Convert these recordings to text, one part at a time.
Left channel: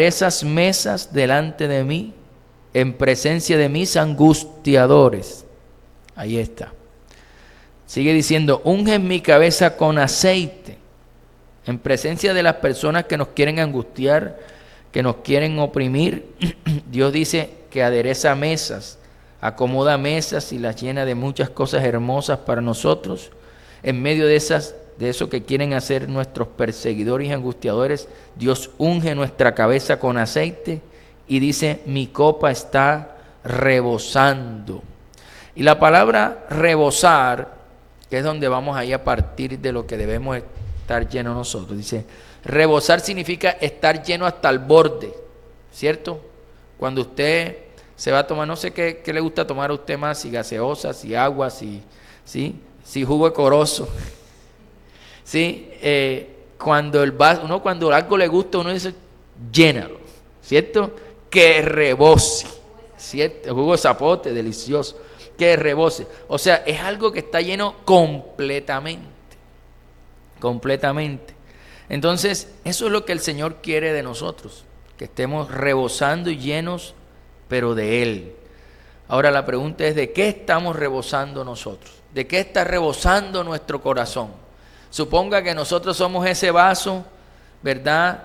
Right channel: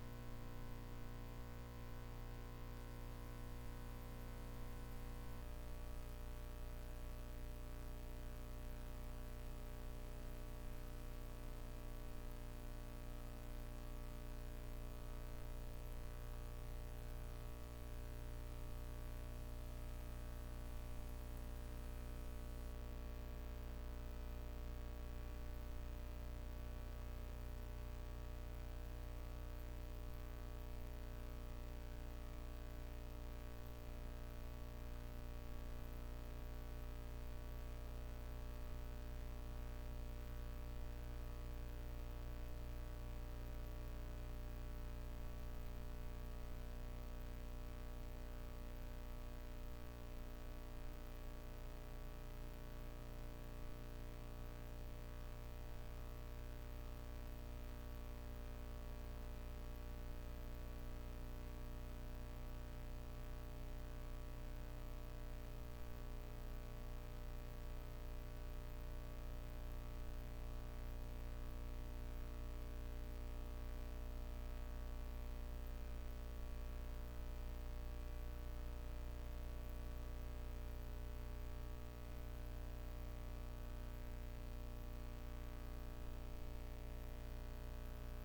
esas mesas delante de mí, en presencia de mis angustiadores. Ahí está. Sigue diciendo, unge mi cabeza con aceite, en presencia de las personas que nos quieren angustiar, que nos quieren oprimir. Dios dice que adereza mesas, acomoda mesas y las llena de muchas cosas hermosas para nosotros. En medio de eso que quieren hacer nuestros perseguidores y angustiadores, Dios unge nuestra cabeza con aceite y dice, mi copa está rebosando. Y la palabra rebosar, que es donde vamos ahí a partir de lo que debemos estar llenos nosotros, dice, rebosar significa estar lleno hasta el borde, ¿cierto? Cuando usted se va a tomar, no sé qué le gusta tomar a usted más, si gaseosa, si agua, si jugo de corozo. ¿Sí? Cuando cuando algo le gusta, uno dice, llénalo, ¿cierto? Que rebose, ¿cierto? El jugo de zapote, delicioso, que rebose. O sea, es algo que está lleno completamente. Entonces, eso es lo que el Señor quiere de nosotros, que estemos rebosando y llenos, pero de Él. Ahora la pregunta es, ¿de qué estamos rebosando nosotros? ¿De qué está rebosando nuestro corazón? Suponga que nosotros somos ese vaso, ¿verdad?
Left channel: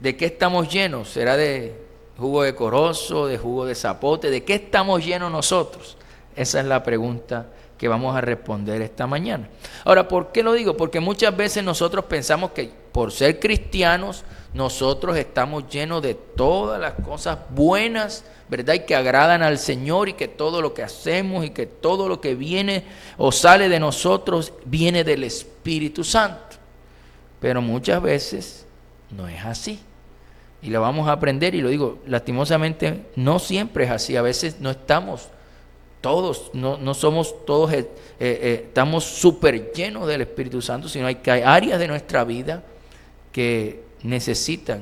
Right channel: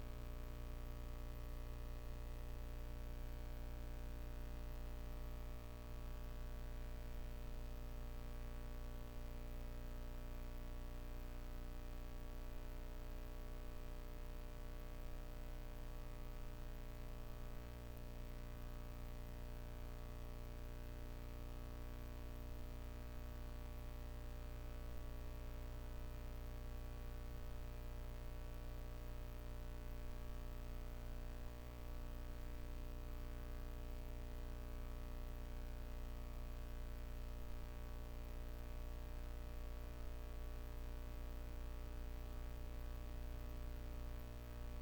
¿De qué estamos llenos? ¿Será de jugo de corozo, de jugo de zapote? ¿De qué estamos llenos nosotros? Esa es la pregunta que vamos a responder esta mañana. Ahora, ¿por qué lo digo? Porque muchas veces nosotros pensamos que por ser cristianos, nosotros estamos llenos de todas las cosas buenas, ¿verdad? Y que agradan al Señor, y que todo lo que hacemos y que todo lo que viene o sale de nosotros viene del Espíritu Santo. Pero muchas veces no es así. Y lo vamos a aprender, y lo digo, lastimosamente no siempre es así. A veces no estamos todos, no somos todos, estamos súper llenos del Espíritu Santo, sino hay áreas de nuestra vida que necesitan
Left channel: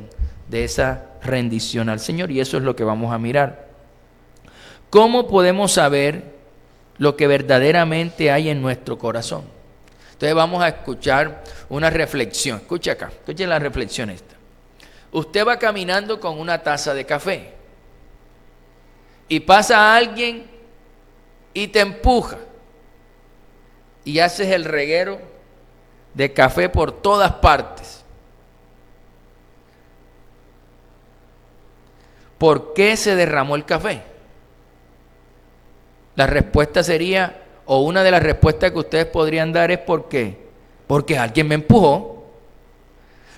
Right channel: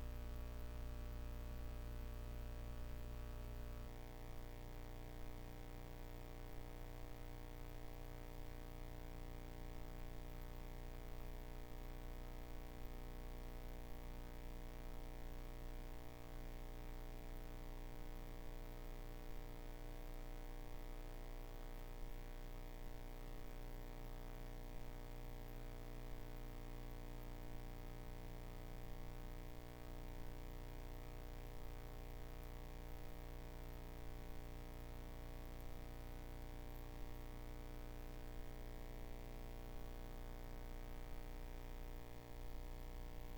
de esa rendición al Señor, y eso es lo que vamos a mirar. ¿Cómo podemos saber lo que verdaderamente hay en nuestro corazón? Entonces vamos a escuchar una reflexión. Escucha acá, escuchen la reflexión esta. Usted va caminando con una taza de café y pasa alguien y te empuja y haces el reguero de café por todas partes. ¿Por qué se derramó el café? La respuesta sería, o una de las respuestas que ustedes podrían dar es ¿por qué? Porque alguien me empujó.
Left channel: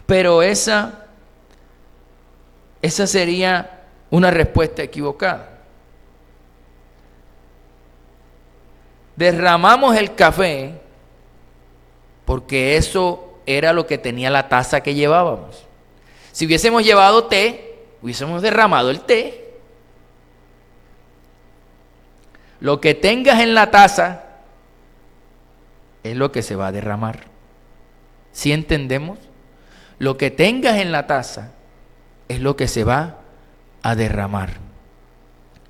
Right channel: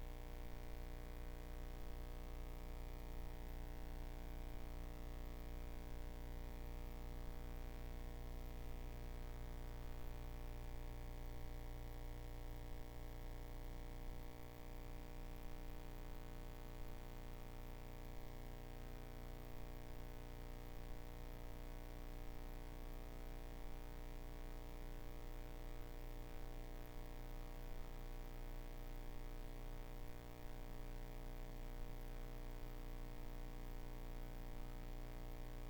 Pero esa sería una respuesta equivocada. Derramamos el café porque eso era lo que tenía la taza que llevábamos. Si hubiésemos llevado té, hubiésemos derramado el té. Lo que tengas en la taza es lo que se va a derramar. ¿Sí entendemos? Lo que tengas en la taza es lo que se va a derramar.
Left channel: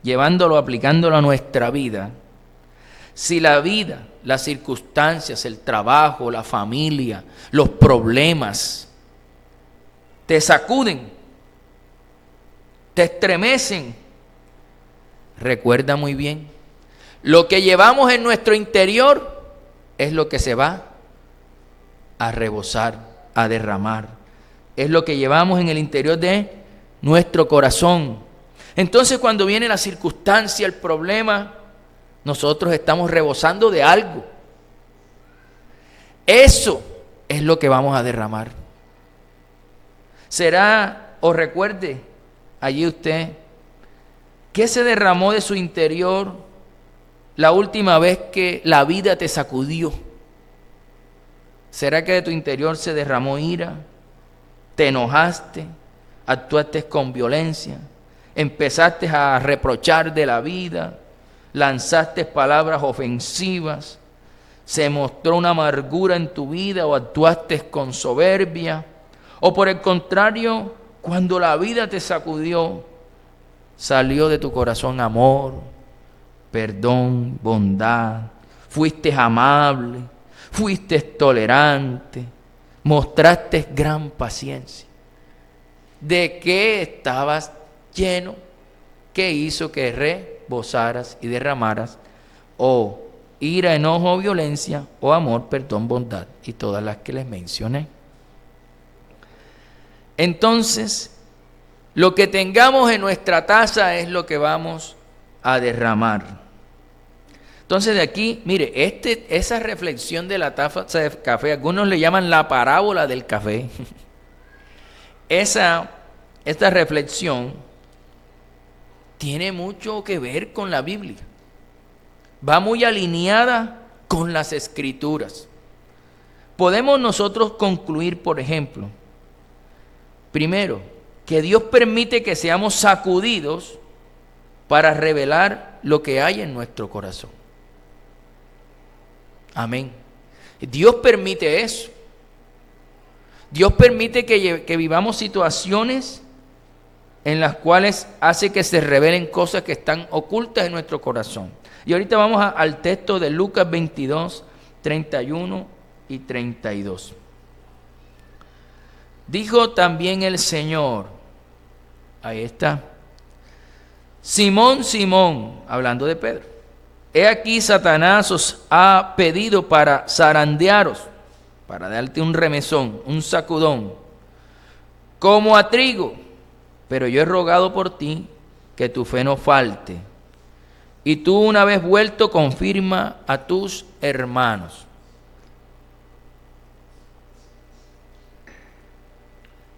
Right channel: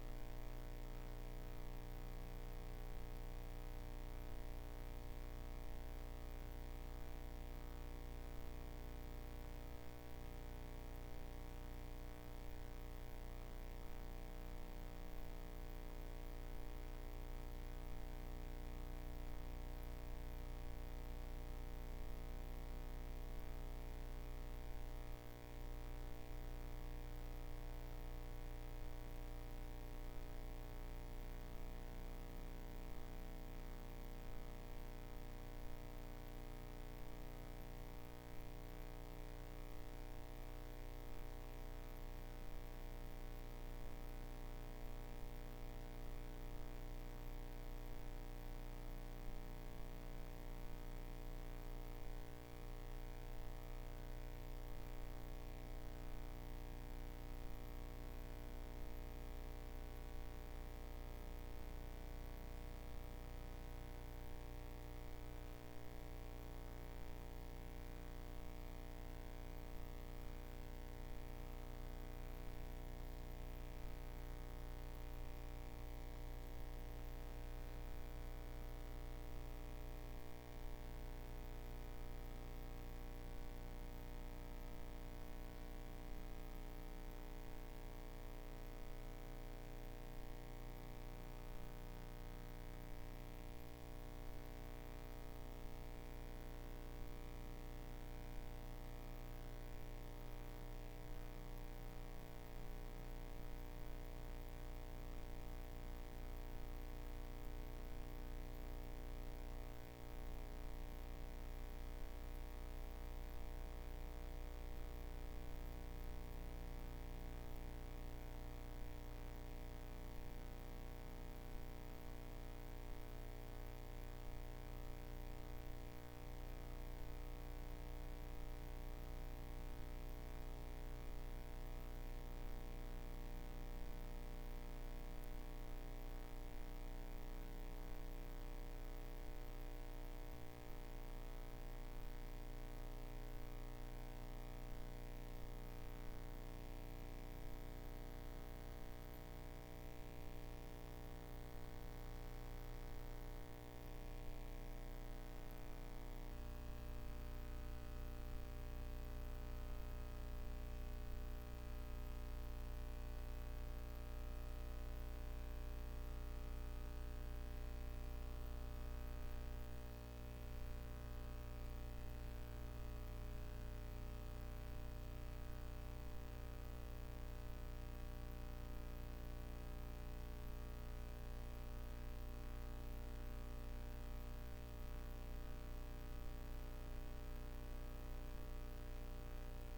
Llevándolo, aplicándolo a nuestra vida. Si la vida, las circunstancias, el trabajo, la familia, los problemas te sacuden, te estremecen, recuerda muy bien, lo que llevamos en nuestro interior es lo que se va a rebosar, a derramar. Es lo que llevamos en el interior de nuestro corazón. Entonces, cuando viene la circunstancia, el problema, nosotros estamos rebosando de algo. Eso es lo que vamos a derramar. Será, o recuerde allí usted, ¿qué se derramó de su interior la última vez que la vida te sacudió? ¿Será que de tu interior se derramó ira? ¿Te enojaste? ¿Actuaste con violencia? ¿Empezaste a reprochar de la vida? ¿Lanzaste palabras ofensivas? ¿Se mostró una amargura en tu vida o actuaste con soberbia? ¿O por el contrario, cuando la vida te sacudió, salió de tu corazón amor, perdón, bondad? Fuiste amable, fuiste tolerante, mostraste gran paciencia. ¿De qué estabas lleno? ¿Qué hizo que rebosaras y derramaras? O ira, enojo, violencia, o amor, perdón, bondad, y todas las que les mencioné. Entonces, lo que tengamos en nuestra taza es lo que vamos a derramar. Entonces de aquí, mire, esa reflexión de la taza de café, algunos le llaman la parábola del café. Esta reflexión tiene mucho que ver con la Biblia. Va muy alineada con las Escrituras. Podemos nosotros concluir, por ejemplo, primero, que Dios permite que seamos sacudidos para revelar lo que hay en nuestro corazón. Amén. Dios permite eso. Dios permite que vivamos situaciones en las cuales hace que se revelen cosas que están ocultas en nuestro corazón. Y ahorita vamos al texto de Lucas 22, 31 y 32. Dijo también el Señor, ahí está, Simón, Simón, hablando de Pedro, he aquí Satanás os ha pedido para zarandearos, para darte un remesón, un sacudón, como a trigo, pero yo he rogado por ti que tu fe no falte. Y tú, una vez vuelto, confirma a tus hermanos.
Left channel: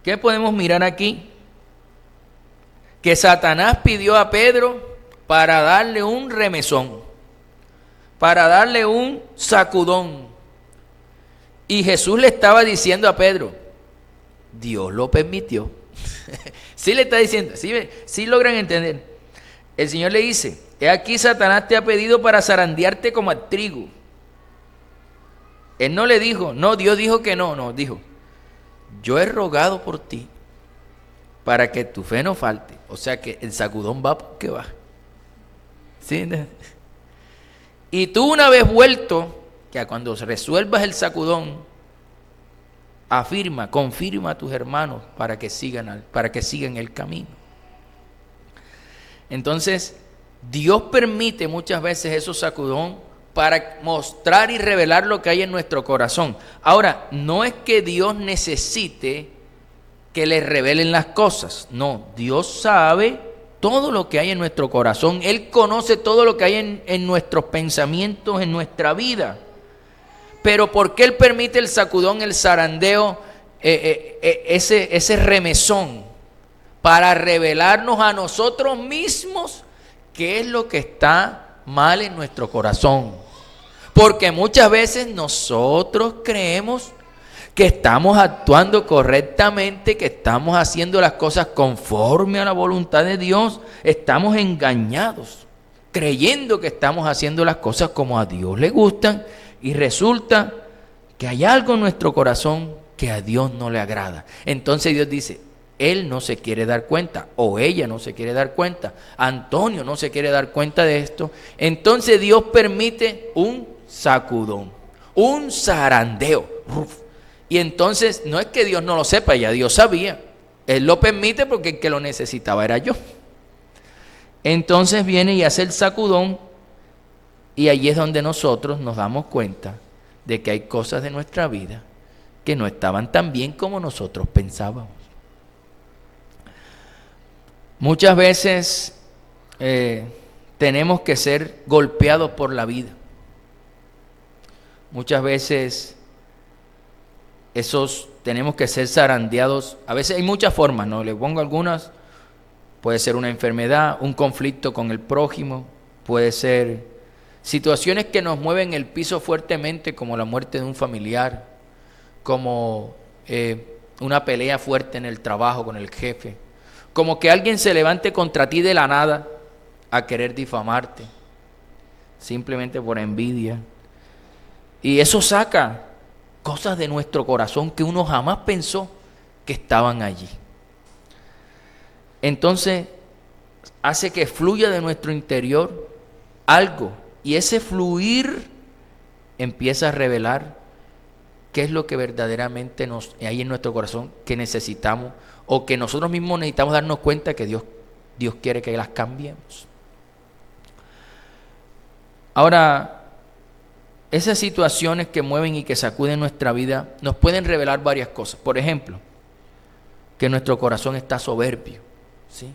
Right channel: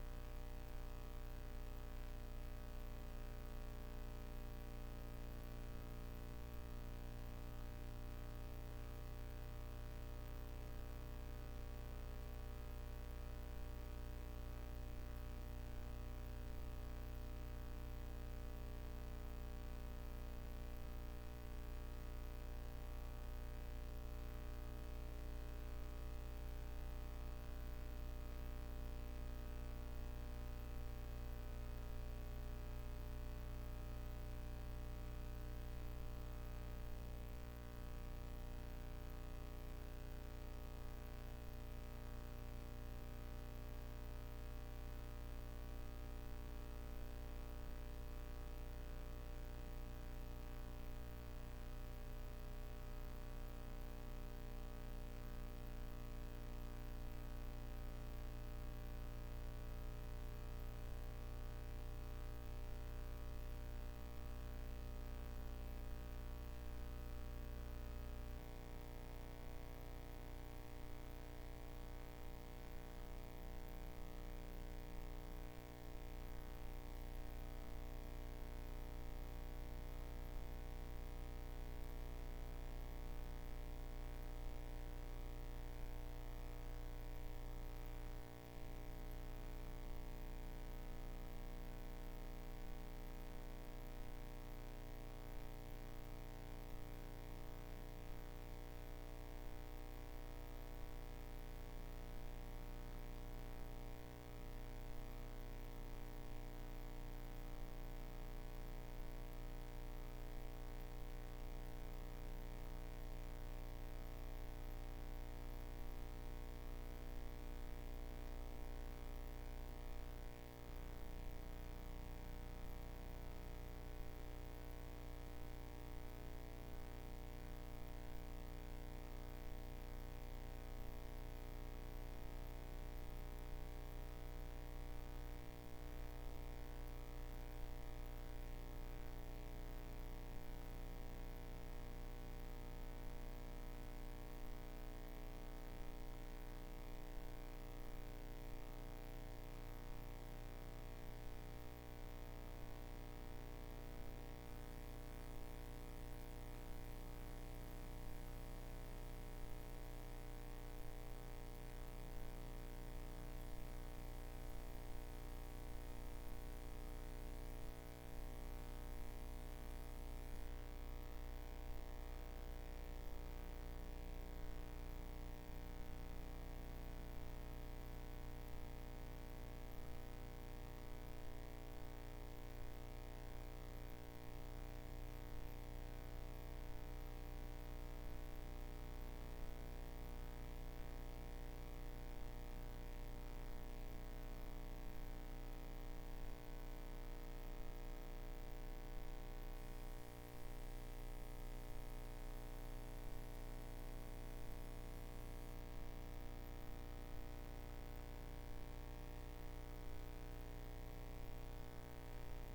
¿Qué podemos mirar aquí? Que Satanás pidió a Pedro para darle un remesón, para darle un sacudón. Y Jesús le estaba diciendo a Pedro, Dios lo permitió. Sí le está diciendo, sí logran entender. El Señor le dice, he aquí Satanás te ha pedido para zarandearte como a trigo. Él no le dijo, no, Dios dijo que no, dijo, yo he rogado por ti para que tu fe no falte. O sea que el sacudón va porque va. ¿Sí? Y tú, una vez vuelto, que cuando resuelvas el sacudón, confirma a tus hermanos para que sigan el camino. Entonces, Dios permite muchas veces esos sacudón para mostrar y revelar lo que hay en nuestro corazón. Ahora, no es que Dios necesite que le revelen las cosas. No, Dios sabe todo lo que hay en nuestro corazón. Él conoce todo lo que hay en nuestros pensamientos, en nuestra vida. Pero ¿por qué Él permite el sacudón, el zarandeo, ese remesón? Para revelarnos a nosotros mismos qué es lo que está mal en nuestro corazón. Porque muchas veces nosotros creemos que estamos actuando correctamente, que estamos haciendo las cosas conforme a la voluntad de Dios. Estamos engañados, creyendo que estamos haciendo las cosas como a Dios le gustan, y resulta que hay algo en nuestro corazón que a Dios no le agrada. Entonces Dios dice, él no se quiere dar cuenta, o ella no se quiere dar cuenta, Antonio no se quiere dar cuenta de esto. Entonces Dios permite un sacudón, un zarandeo. Y entonces no es que Dios no lo sepa, ya Dios sabía. Él lo permite porque el que lo necesitaba era yo. Entonces viene y hace el sacudón, y allí es donde nosotros nos damos cuenta de que hay cosas de nuestra vida que no estaban tan bien como nosotros pensábamos. Muchas veces tenemos que ser golpeados por la vida. Muchas veces tenemos que ser zarandeados. A veces hay muchas formas, ¿no? Le pongo algunas. Puede ser una enfermedad, un conflicto con el prójimo, puede ser situaciones que nos mueven el piso fuertemente, como la muerte de un familiar, como una pelea fuerte en el trabajo con el jefe, como que alguien se levante contra ti de la nada a querer difamarte, simplemente por envidia. Y eso saca cosas de nuestro corazón que uno jamás pensó que estaban allí. Entonces, hace que fluya de nuestro interior algo, y ese fluir empieza a revelar qué es lo que verdaderamente hay en nuestro corazón que necesitamos o que nosotros mismos necesitamos darnos cuenta que Dios quiere que las cambiemos. Ahora, esas situaciones que mueven y que sacuden nuestra vida nos pueden revelar varias cosas. Por ejemplo, que nuestro corazón está soberbio, ¿sí?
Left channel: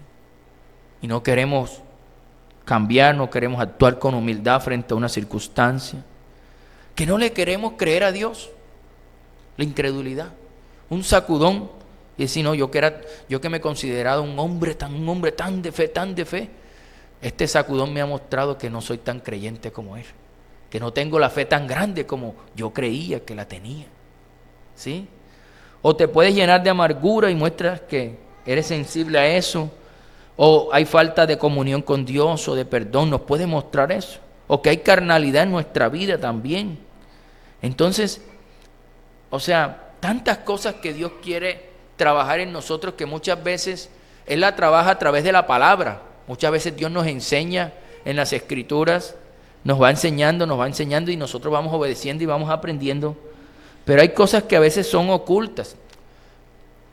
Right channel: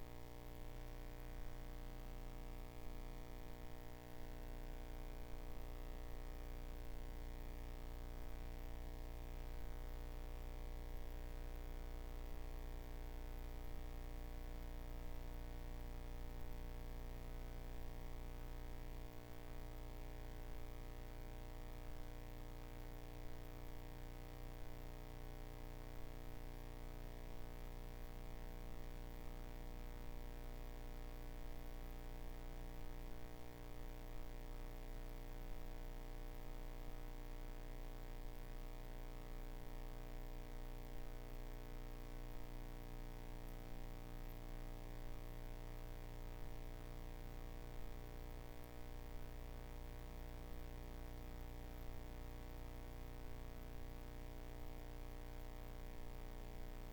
Y no queremos cambiar, no queremos actuar con humildad frente a una circunstancia, que no le queremos creer a Dios, la incredulidad, un sacudón y decir, no, yo que me he considerado un hombre tan de fe, este sacudón me ha mostrado que no soy tan creyente como él, que no tengo la fe tan grande como yo creía que la tenía, ¿sí? O te puedes llenar de amargura y muestras que eres sensible a eso, o hay falta de comunión con Dios o de perdón, nos puede mostrar eso, o que hay carnalidad en nuestra vida también. Entonces, o sea, tantas cosas que Dios quiere trabajar en nosotros que muchas veces Él la trabaja a través de la palabra. Muchas veces Dios nos enseña en las Escrituras, nos va enseñando y nosotros vamos obedeciendo y vamos aprendiendo. Pero hay cosas que a veces son ocultas.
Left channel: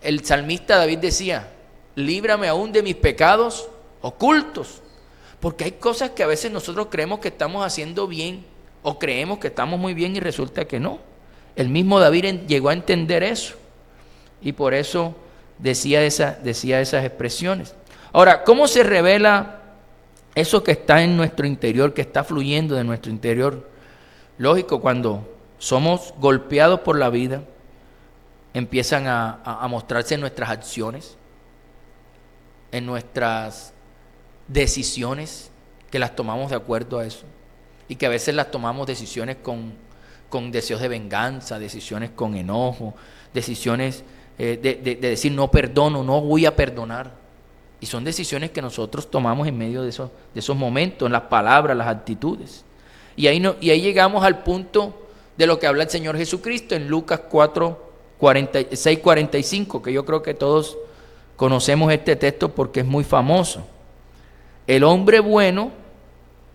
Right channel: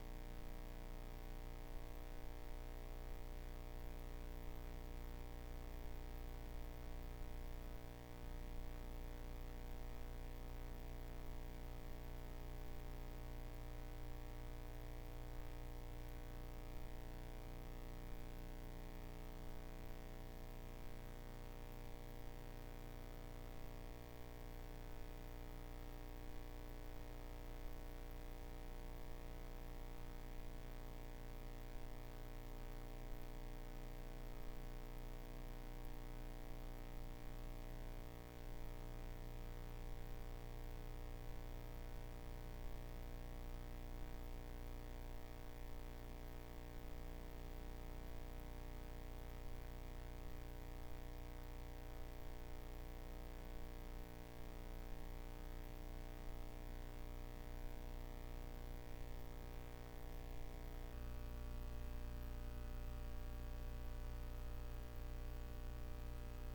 El salmista David decía, líbrame aún de mis pecados ocultos. Porque hay cosas que a veces nosotros creemos que estamos haciendo bien o creemos que estamos muy bien y resulta que no. El mismo David llegó a entender eso y por eso decía esas expresiones. Ahora, ¿cómo se revela eso que está en nuestro interior, que está fluyendo de nuestro interior? Lógico, cuando somos golpeados por la vida, empiezan a mostrarse en nuestras acciones, en nuestras decisiones, que las tomamos de acuerdo a eso, y que a veces las tomamos decisiones con deseos de venganza, decisiones con enojo, decisiones de decir no perdono, no voy a perdonar. Y son decisiones que nosotros tomamos en medio de esos momentos, en las palabras, las actitudes. Y ahí llegamos al punto de lo que habla el Señor Jesucristo en Lucas 6:45, que yo creo que todos conocemos este texto porque es muy famoso. El hombre bueno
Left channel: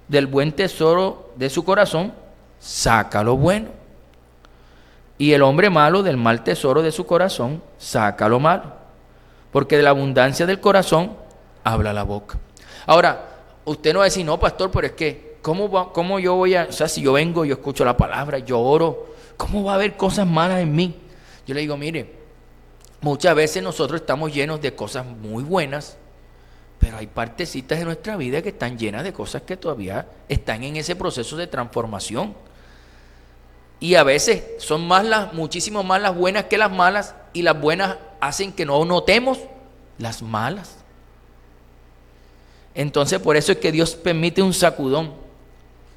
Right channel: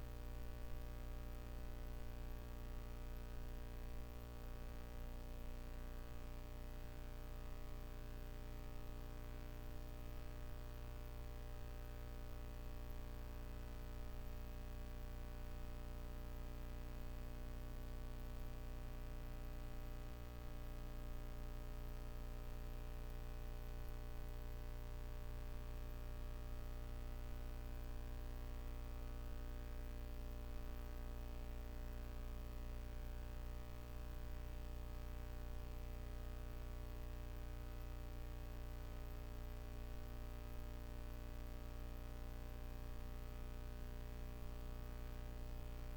del buen tesoro de su corazón saca lo bueno, y el hombre malo del mal tesoro de su corazón saca lo malo, porque de la abundancia del corazón habla la boca. Ahora, usted no va a decir, no, pastor, pero es que ¿cómo yo voy a, o sea, si yo vengo, yo escucho la palabra, yo oro, ¿cómo va a haber cosas malas en mí? Yo le digo, mire, muchas veces nosotros estamos llenos de cosas muy buenas, pero hay partecitas de nuestra vida que están llenas de cosas que todavía están en ese proceso de transformación. Y a veces son muchísimo más las buenas que las malas, y las buenas hacen que no notemos las malas. Entonces por eso es que Dios permite un sacudón,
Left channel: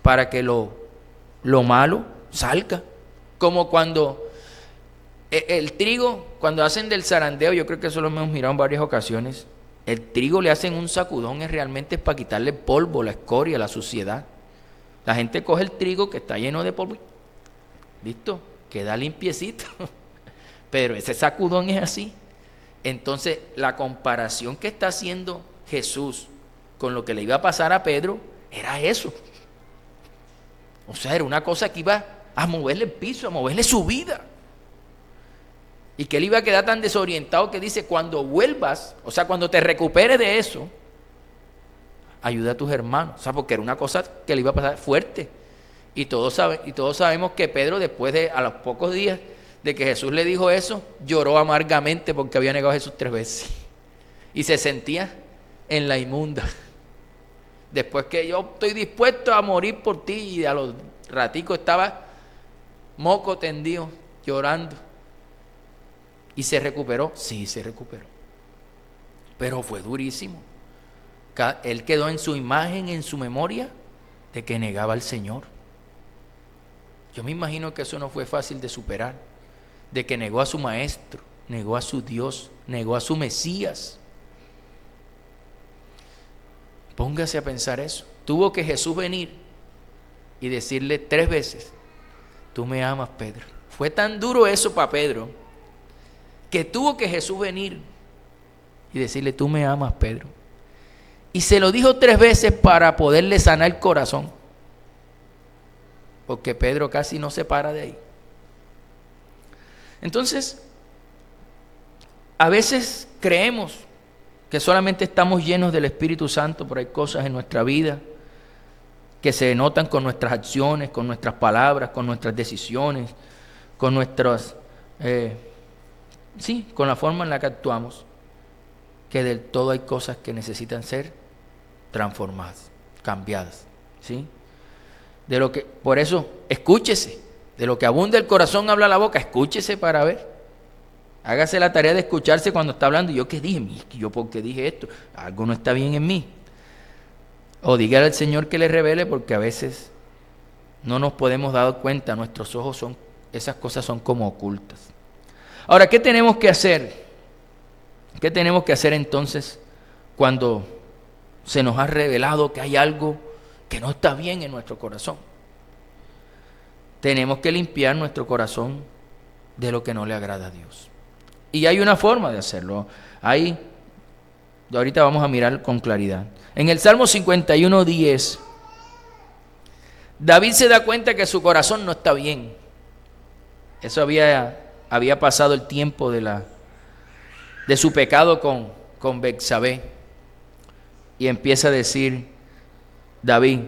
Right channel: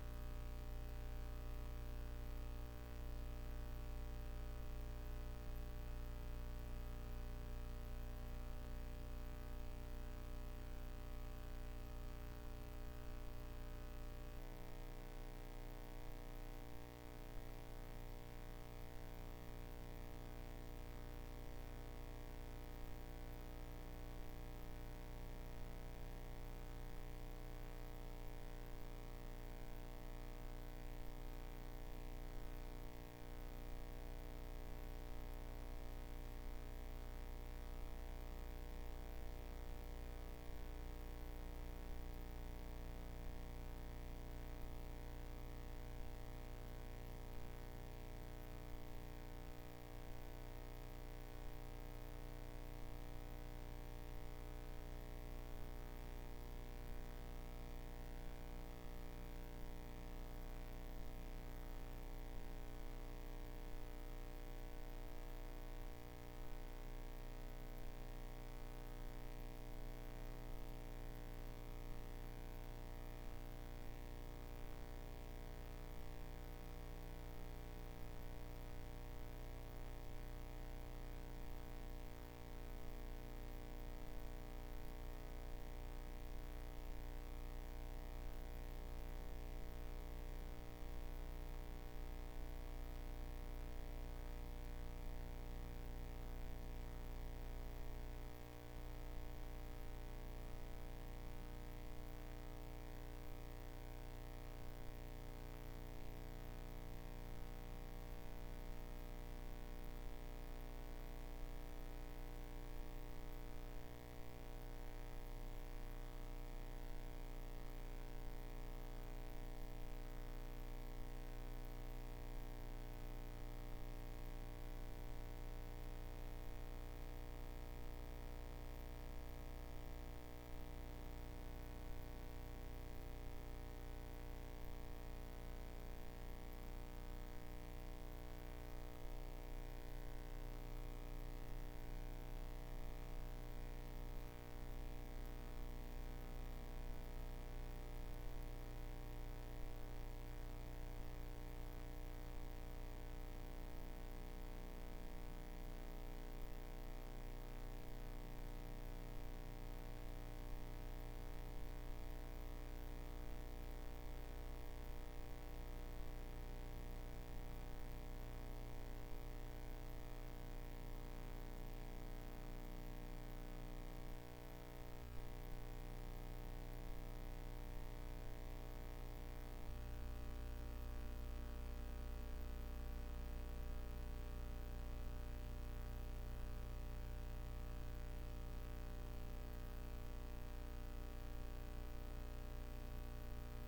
para que lo malo salga. Como cuando el trigo, cuando hacen del zarandeo, yo creo que eso lo hemos mirado en varias ocasiones, el trigo le hacen un sacudón, realmente es para quitarle el polvo, la escoria, la suciedad. La gente coge el trigo que está lleno de polvo, ¿listo? Queda limpiecito. Pero ese sacudón es así. Entonces, la comparación que está haciendo Jesús con lo que le iba a pasar a Pedro era eso. O sea, era una cosa que iba a moverle el piso, a moverle su vida. Y que él iba a quedar tan desorientado que dice, cuando vuelvas, o sea, cuando te recuperes de eso, ayuda a tus hermanos. O sea, porque era una cosa que le iba a pasar fuerte. Y todos sabemos que Pedro, a los pocos días de que Jesús le dijo eso, lloró amargamente porque había negado a Jesús 3 veces. Y se sentía en la inmunda. Después que yo estoy dispuesto a morir por ti, y a los raticos estaba moco tendido, llorando. ¿Y se recuperó? Sí, se recuperó. Pero fue durísimo. Él quedó en su imagen, en su memoria, de que negaba al Señor. Yo me imagino que eso no fue fácil de superar, de que negó a su maestro, negó a su Dios, negó a su Mesías. Póngase a pensar eso. Tuvo que Jesús venir y decirle 3 veces, tú me amas, Pedro. Fue tan duro eso para Pedro, que tuvo que Jesús venir y decirle, tú me amas, Pedro. Y se lo dijo 3 veces para poderle sanar el corazón, porque Pedro casi no se para de ahí. Entonces, a veces creemos que solamente estamos llenos del Espíritu Santo, pero hay cosas en nuestra vida que se notan con nuestras acciones, con nuestras palabras, con nuestras decisiones, con nuestras, con la forma en la que actuamos, que del todo hay cosas que necesitan ser transformadas, cambiadas, ¿sí? Por eso, escúchese, de lo que abunda el corazón habla la boca, escúchese para ver. Hágase la tarea de escucharse cuando está hablando. ¿Yo qué dije? ¿Yo por qué dije esto? Algo no está bien en mí. O dígale al Señor que le revele, porque a veces no nos podemos dar cuenta, nuestros ojos esas cosas son como ocultas. Ahora, ¿qué tenemos que hacer? ¿Qué tenemos que hacer entonces cuando se nos ha revelado que hay algo que no está bien en nuestro corazón? Tenemos que limpiar nuestro corazón de lo que no le agrada a Dios. Y hay una forma de hacerlo. Ahorita vamos a mirar con claridad. En el Salmo 51:10, David se da cuenta que su corazón no está bien. Eso había pasado el tiempo de su pecado con Betsabé. Y empieza a decir David:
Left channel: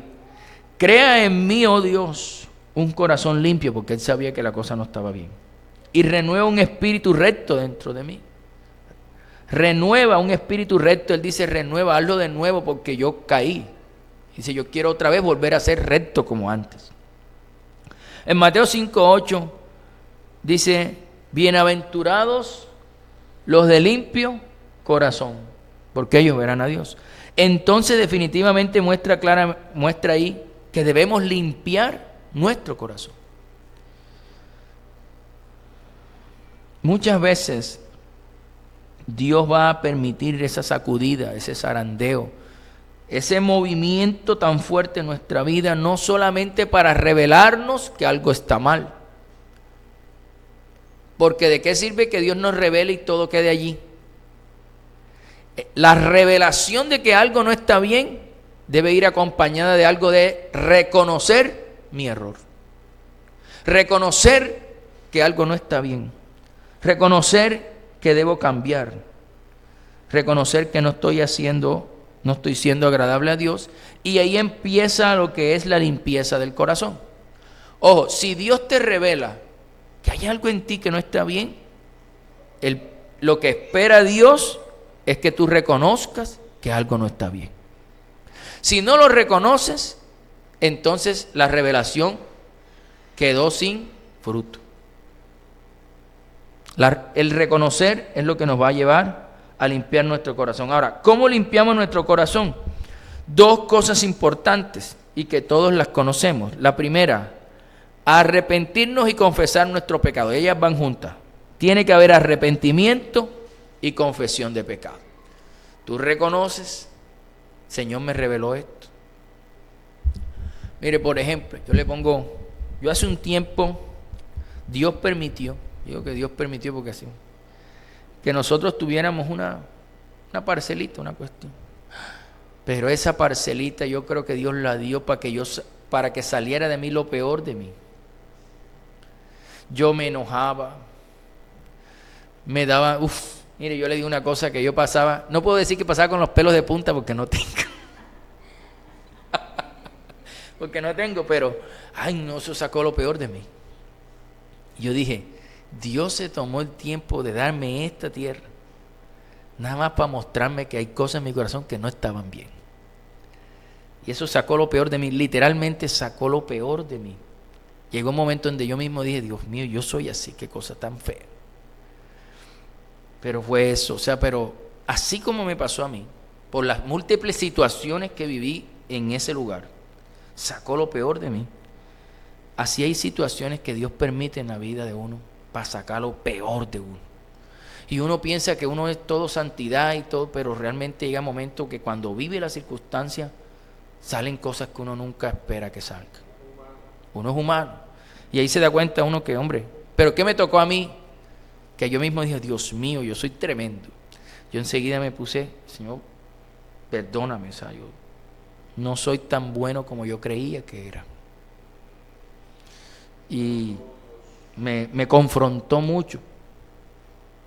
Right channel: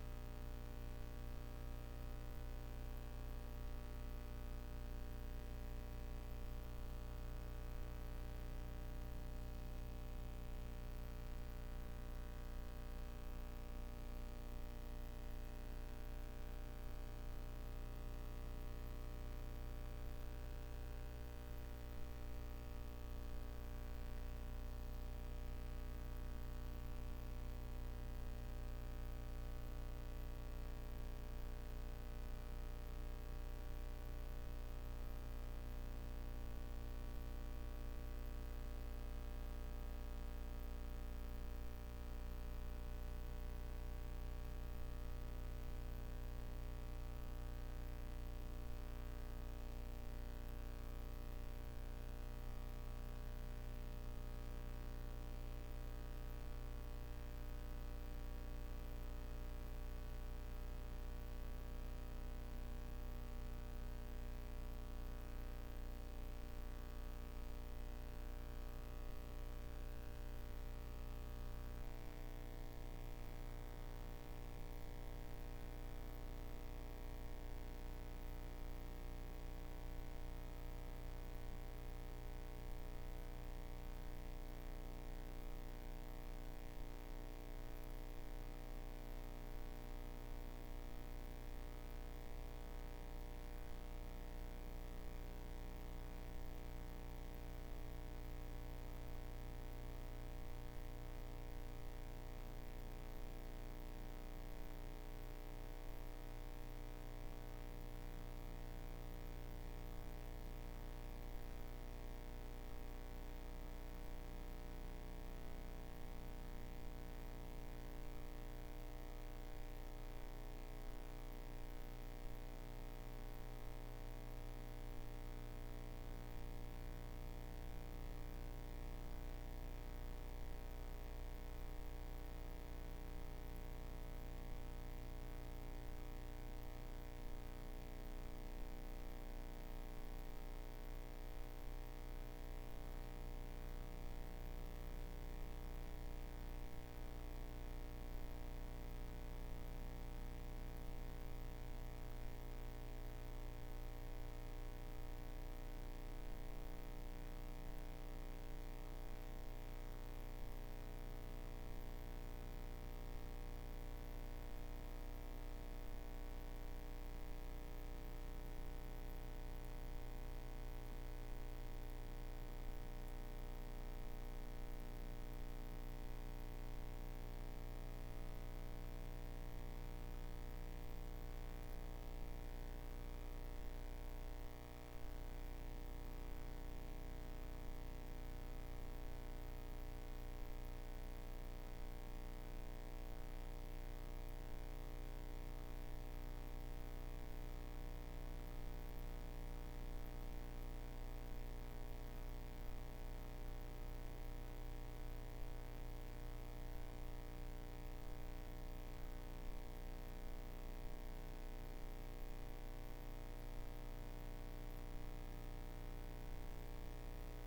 crea en mí, oh Dios, un corazón limpio, porque él sabía que la cosa no estaba bien, y renueva un espíritu recto dentro de mí. Renueva un espíritu recto. Él dice: renueva, hazlo de nuevo, porque yo caí. Dice: yo quiero otra vez volver a ser recto como antes. En Mateo 5:8 dice: bienaventurados los de limpio corazón, porque ellos verán a Dios. Entonces definitivamente muestra ahí que debemos limpiar nuestro corazón. Muchas veces Dios va a permitir esa sacudida, ese zarandeo, ese movimiento tan fuerte en nuestra vida, no solamente para revelarnos que algo está mal. Porque ¿de qué sirve que Dios nos revele y todo quede allí? La revelación de que algo no está bien debe ir acompañada de algo de reconocer mi error. Reconocer que algo no está bien. Reconocer que debo cambiar. Reconocer que no estoy siendo agradable a Dios. Y ahí empieza lo que es la limpieza del corazón. Ojo, si Dios te revela que hay algo en ti que no está bien, lo que espera Dios es que tú reconozcas que algo no está bien. Si no lo reconoces, entonces la revelación quedó sin fruto. El reconocer es lo que nos va a llevar a limpiar nuestro corazón. Ahora, ¿cómo limpiamos nuestro corazón? Dos cosas importantes y que todos las conocemos. La primera, arrepentirnos y confesar nuestro pecado. Ellas van juntas. Tiene que haber arrepentimiento y confesión de pecado. Tú reconoces: Señor, me reveló esto. Mire, por ejemplo, yo hace un tiempo, Dios permitió, digo que Dios permitió porque así, que nosotros tuviéramos una parcelita, una cuestión. Pero esa parcelita yo creo que Dios la dio para que saliera de mí lo peor de mí. Yo me enojaba, me daba, mire, yo le digo una cosa que yo pasaba, no puedo decir que pasaba con los pelos de punta porque no tengo. Porque no tengo, pero, eso sacó lo peor de mí. Yo dije: Dios se tomó el tiempo de darme esta tierra, nada más para mostrarme que hay cosas en mi corazón que no estaban bien. Y eso sacó lo peor de mí, literalmente sacó lo peor de mí. Llegó un momento donde yo mismo dije: Dios mío, yo soy así, qué cosa tan fea. Pero fue eso, pero así como me pasó a mí, por las múltiples situaciones que viví en ese lugar, sacó lo peor de mí. Así hay situaciones que Dios permite en la vida de uno para sacar lo peor de uno. Y uno piensa que uno es todo santidad y todo, pero realmente llega un momento que cuando vive la circunstancia salen cosas que uno nunca espera que salgan. Uno es humano. Y ahí se da cuenta uno que, hombre, ¿pero qué me tocó a mí? Que yo mismo dije: Dios mío, yo soy tremendo. Yo enseguida me puse: Señor, perdóname, yo no soy tan bueno como yo creía que era. Y me confrontó mucho.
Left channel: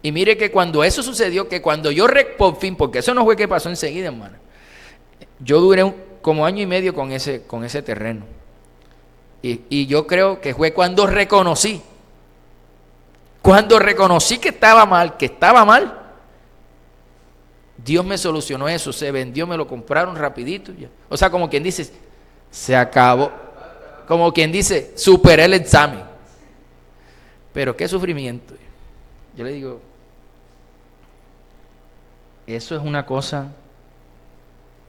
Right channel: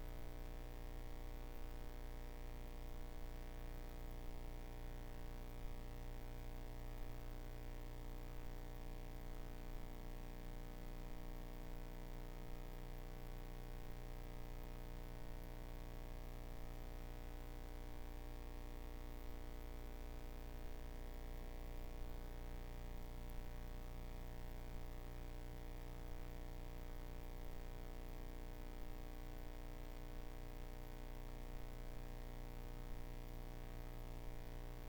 Y mire que cuando eso sucedió, que cuando yo por fin, porque eso no fue que pasó enseguida, hermano. Yo duré como año y medio con ese terreno. Y yo creo que fue cuando reconocí que estaba mal, Dios me solucionó eso, se vendió, me lo compraron rapidito. Ya. O sea, como quien dice, se acabó. Como quien dice, superé el examen. Pero qué sufrimiento. Yo le digo, eso es una cosa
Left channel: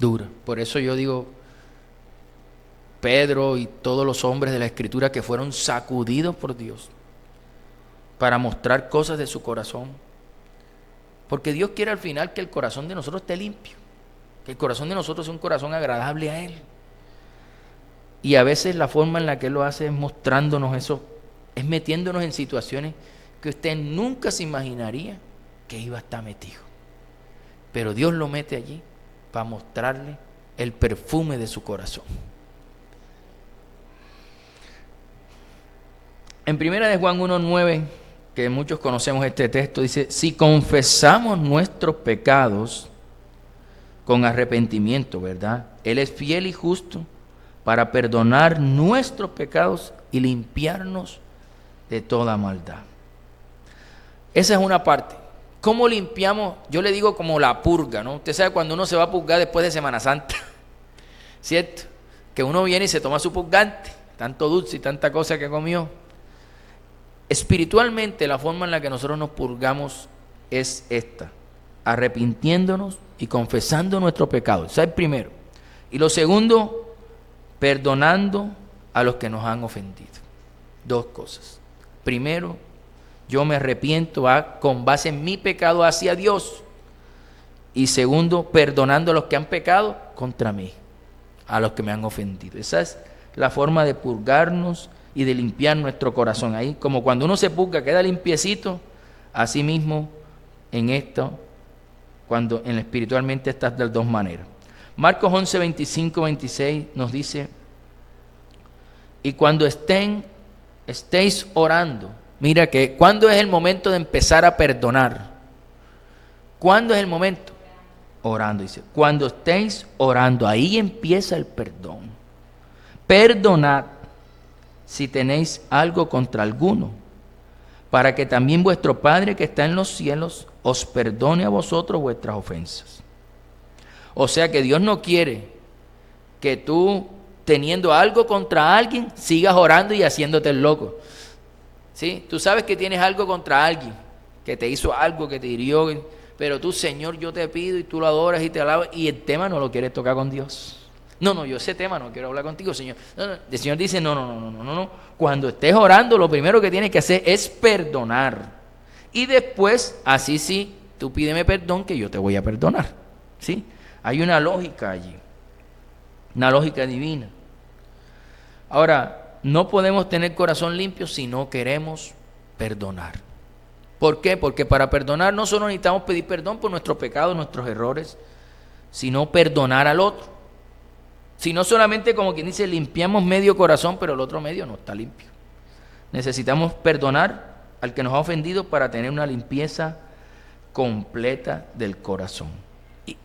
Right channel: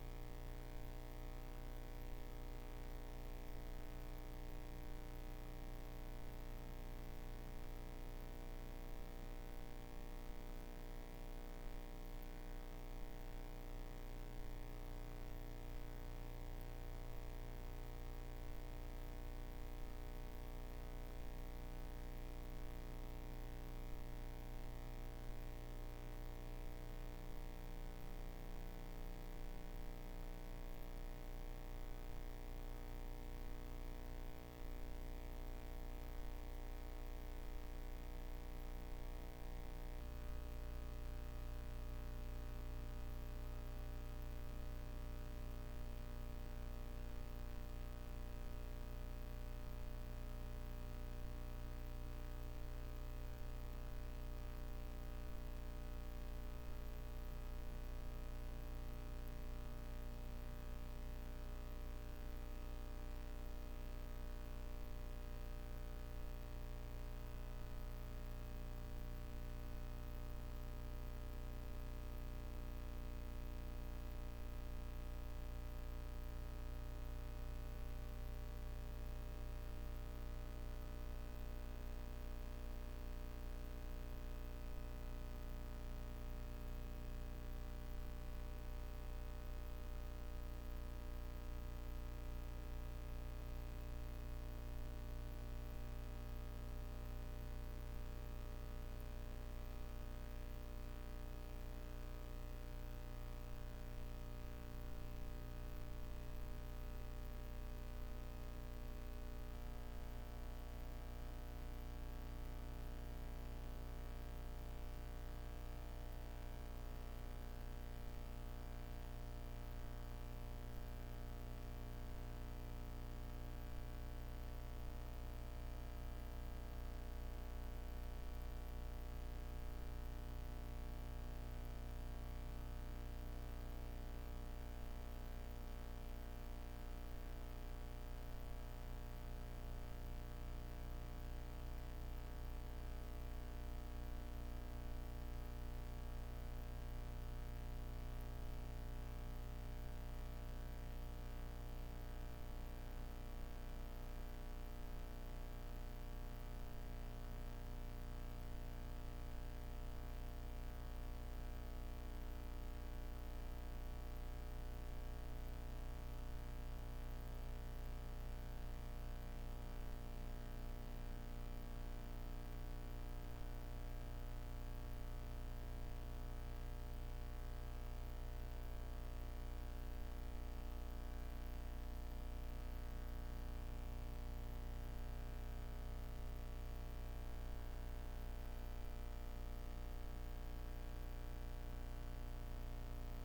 dura. Por eso yo digo, Pedro y todos los hombres de la Escritura que fueron sacudidos por Dios para mostrar cosas de su corazón. Porque Dios quiere al final que el corazón de nosotros esté limpio, que el corazón de nosotros sea un corazón agradable a Él. Y a veces la forma en la que Él lo hace es mostrándonos eso, es metiéndonos en situaciones que usted nunca se imaginaría que iba a estar metido. Pero Dios lo mete allí para mostrarle el perfume de su corazón. En primera de Juan 1:9, que muchos conocemos este texto, dice: si confesamos nuestros pecados con arrepentimiento, ¿verdad? Él es fiel y justo para perdonar nuestros pecados y limpiarnos de toda maldad. Esa es una parte. ¿Cómo limpiamos? Yo le digo como la purga, ¿no? Usted sabe cuando uno se va a purgar después de Semana Santa, ¿cierto? Que uno viene y se toma su purgante, tanto dulce y tanta cosa que comió. Espiritualmente, la forma en la que nosotros nos purgamos es esta: arrepintiéndonos y confesando nuestros pecados. Ese es el primero. Y lo segundo, perdonando a los que nos han ofendido. Dos cosas. Primero, yo me arrepiento con base en mi pecado hacia Dios. Y segundo, perdonando a los que han pecado contra mí, a los que me han ofendido. Esa es la forma de purgarnos y de limpiar nuestro corazón. Ahí, como cuando uno se purga, queda limpiecito, así mismo en esto, cuando en espiritualmente estás de las dos maneras. Marcos 11, 25, 26 nos dice: y cuando estéis orando, mira que ¿cuándo es el momento de empezar a perdonar? ¿Cuándo es el momento? Orando, dice. Cuando estéis orando, ahí empieza el perdón. Perdonad si tenéis algo contra alguno, para que también vuestro Padre que está en los cielos os perdone a vosotros vuestras ofensas. O sea que Dios no quiere que tú, teniendo algo contra alguien, sigas orando y haciéndote el loco. ¿Sí? Tú sabes que tienes algo contra alguien, que te hizo algo, que te hirió, pero tú, Señor, yo te pido, y tú lo adoras y te alabas, y el tema no lo quieres tocar con Dios. No, yo ese tema no quiero hablar contigo, Señor. No. El Señor dice, no. Cuando estés orando, lo primero que tienes que hacer es perdonar. Y después, así sí, tú pídeme perdón que yo te voy a perdonar. ¿Sí? Hay una lógica allí, una lógica divina. Ahora, no podemos tener corazón limpio si no queremos perdonar. ¿Por qué? Porque para perdonar no solo necesitamos pedir perdón por nuestros pecados, nuestros errores, sino perdonar al otro. Si no solamente, como quien dice, limpiamos medio corazón, pero el otro medio no está limpio. Necesitamos perdonar al que nos ha ofendido para tener una limpieza completa del corazón.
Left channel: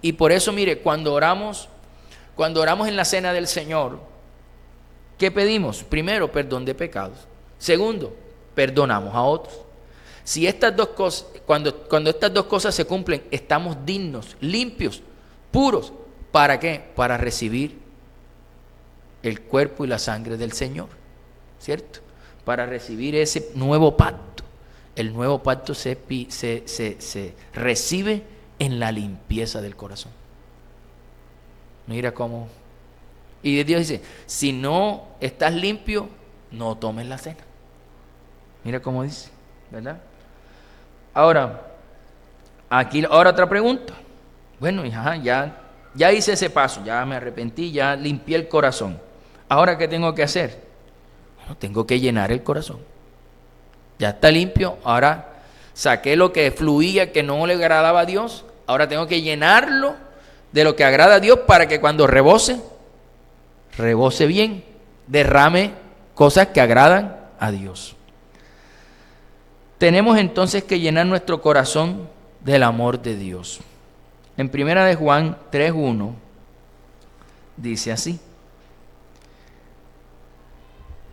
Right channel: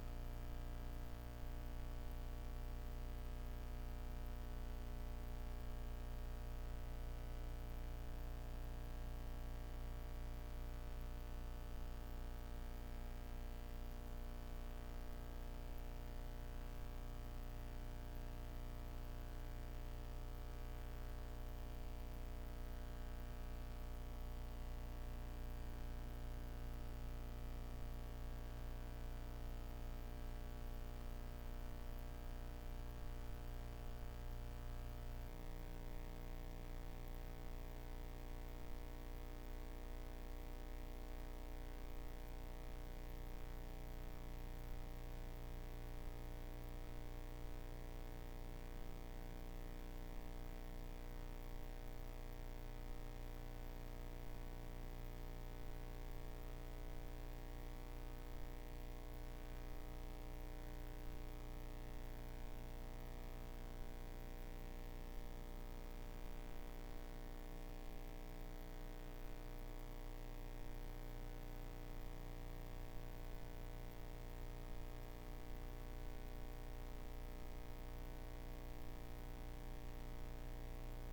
Y por eso, mire, cuando oramos en la cena del Señor, ¿qué pedimos? Primero, perdón de pecados. Segundo, perdonamos a otros. Si estas dos cosas, cuando estas dos cosas se cumplen, estamos dignos, limpios, puros. ¿Para qué? Para recibir el cuerpo y la sangre del Señor, ¿cierto? Para recibir ese nuevo pacto. El nuevo pacto se recibe en la limpieza del corazón. Mira cómo. Y Dios dice, si no estás limpio, no tomes la cena. Mira cómo dice, ¿verdad? Ahora otra pregunta. Bueno, ya hice ese paso, ya me arrepentí, ya limpié el corazón. ¿Ahora qué tengo que hacer? Bueno, tengo que llenar el corazón. Ya está limpio, ahora saqué lo que fluía, que no le agradaba a Dios. Ahora tengo que llenarlo de lo que agrada a Dios para que cuando rebose bien, derrame cosas que agradan a Dios. tenemos entonces que llenar nuestro corazón del amor de Dios. En 1 de Juan 3:1 dice así:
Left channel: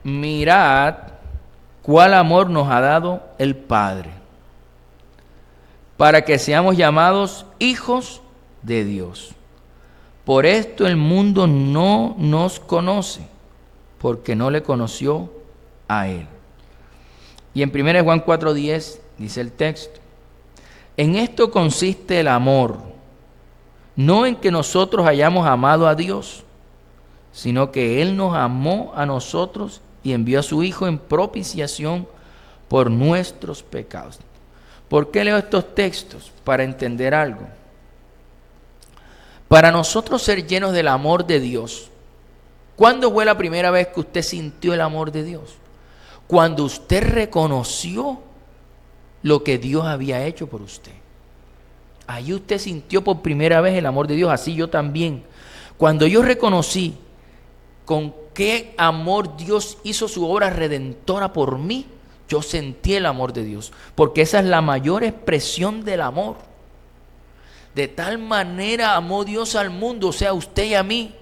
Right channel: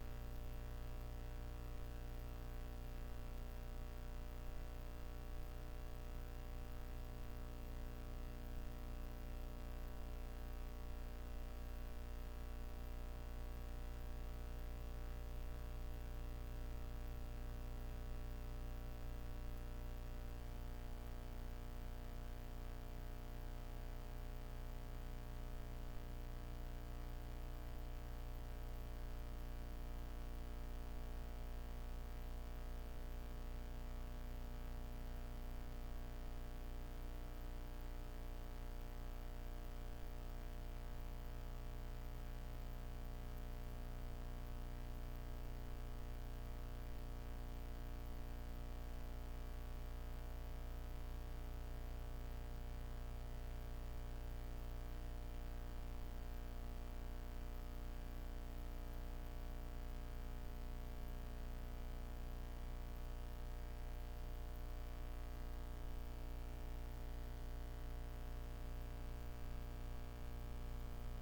mirad cuál amor nos ha dado el Padre, para que seamos llamados hijos de Dios. Por esto el mundo no nos conoce, porque no le conoció a Él. Y en 1 de Juan 4:10 dice el texto: en esto consiste el amor, no en que nosotros hayamos amado a Dios, sino que Él nos amó a nosotros y envió a su Hijo en propiciación por nuestros pecados. ¿Por qué leo estos textos? Para entender algo. Para nosotros ser llenos del amor de Dios, ¿cuándo fue la primera vez que usted sintió el amor de Dios? Cuando usted reconoció lo que Dios había hecho por usted. Ahí usted sintió por primera vez el amor de Dios, así yo también. Cuando yo reconocí con qué amor Dios hizo su obra redentora por mí, yo sentí el amor de Dios, porque esa es la mayor expresión del amor. De tal manera amó Dios al mundo, o sea, a usted y a mí,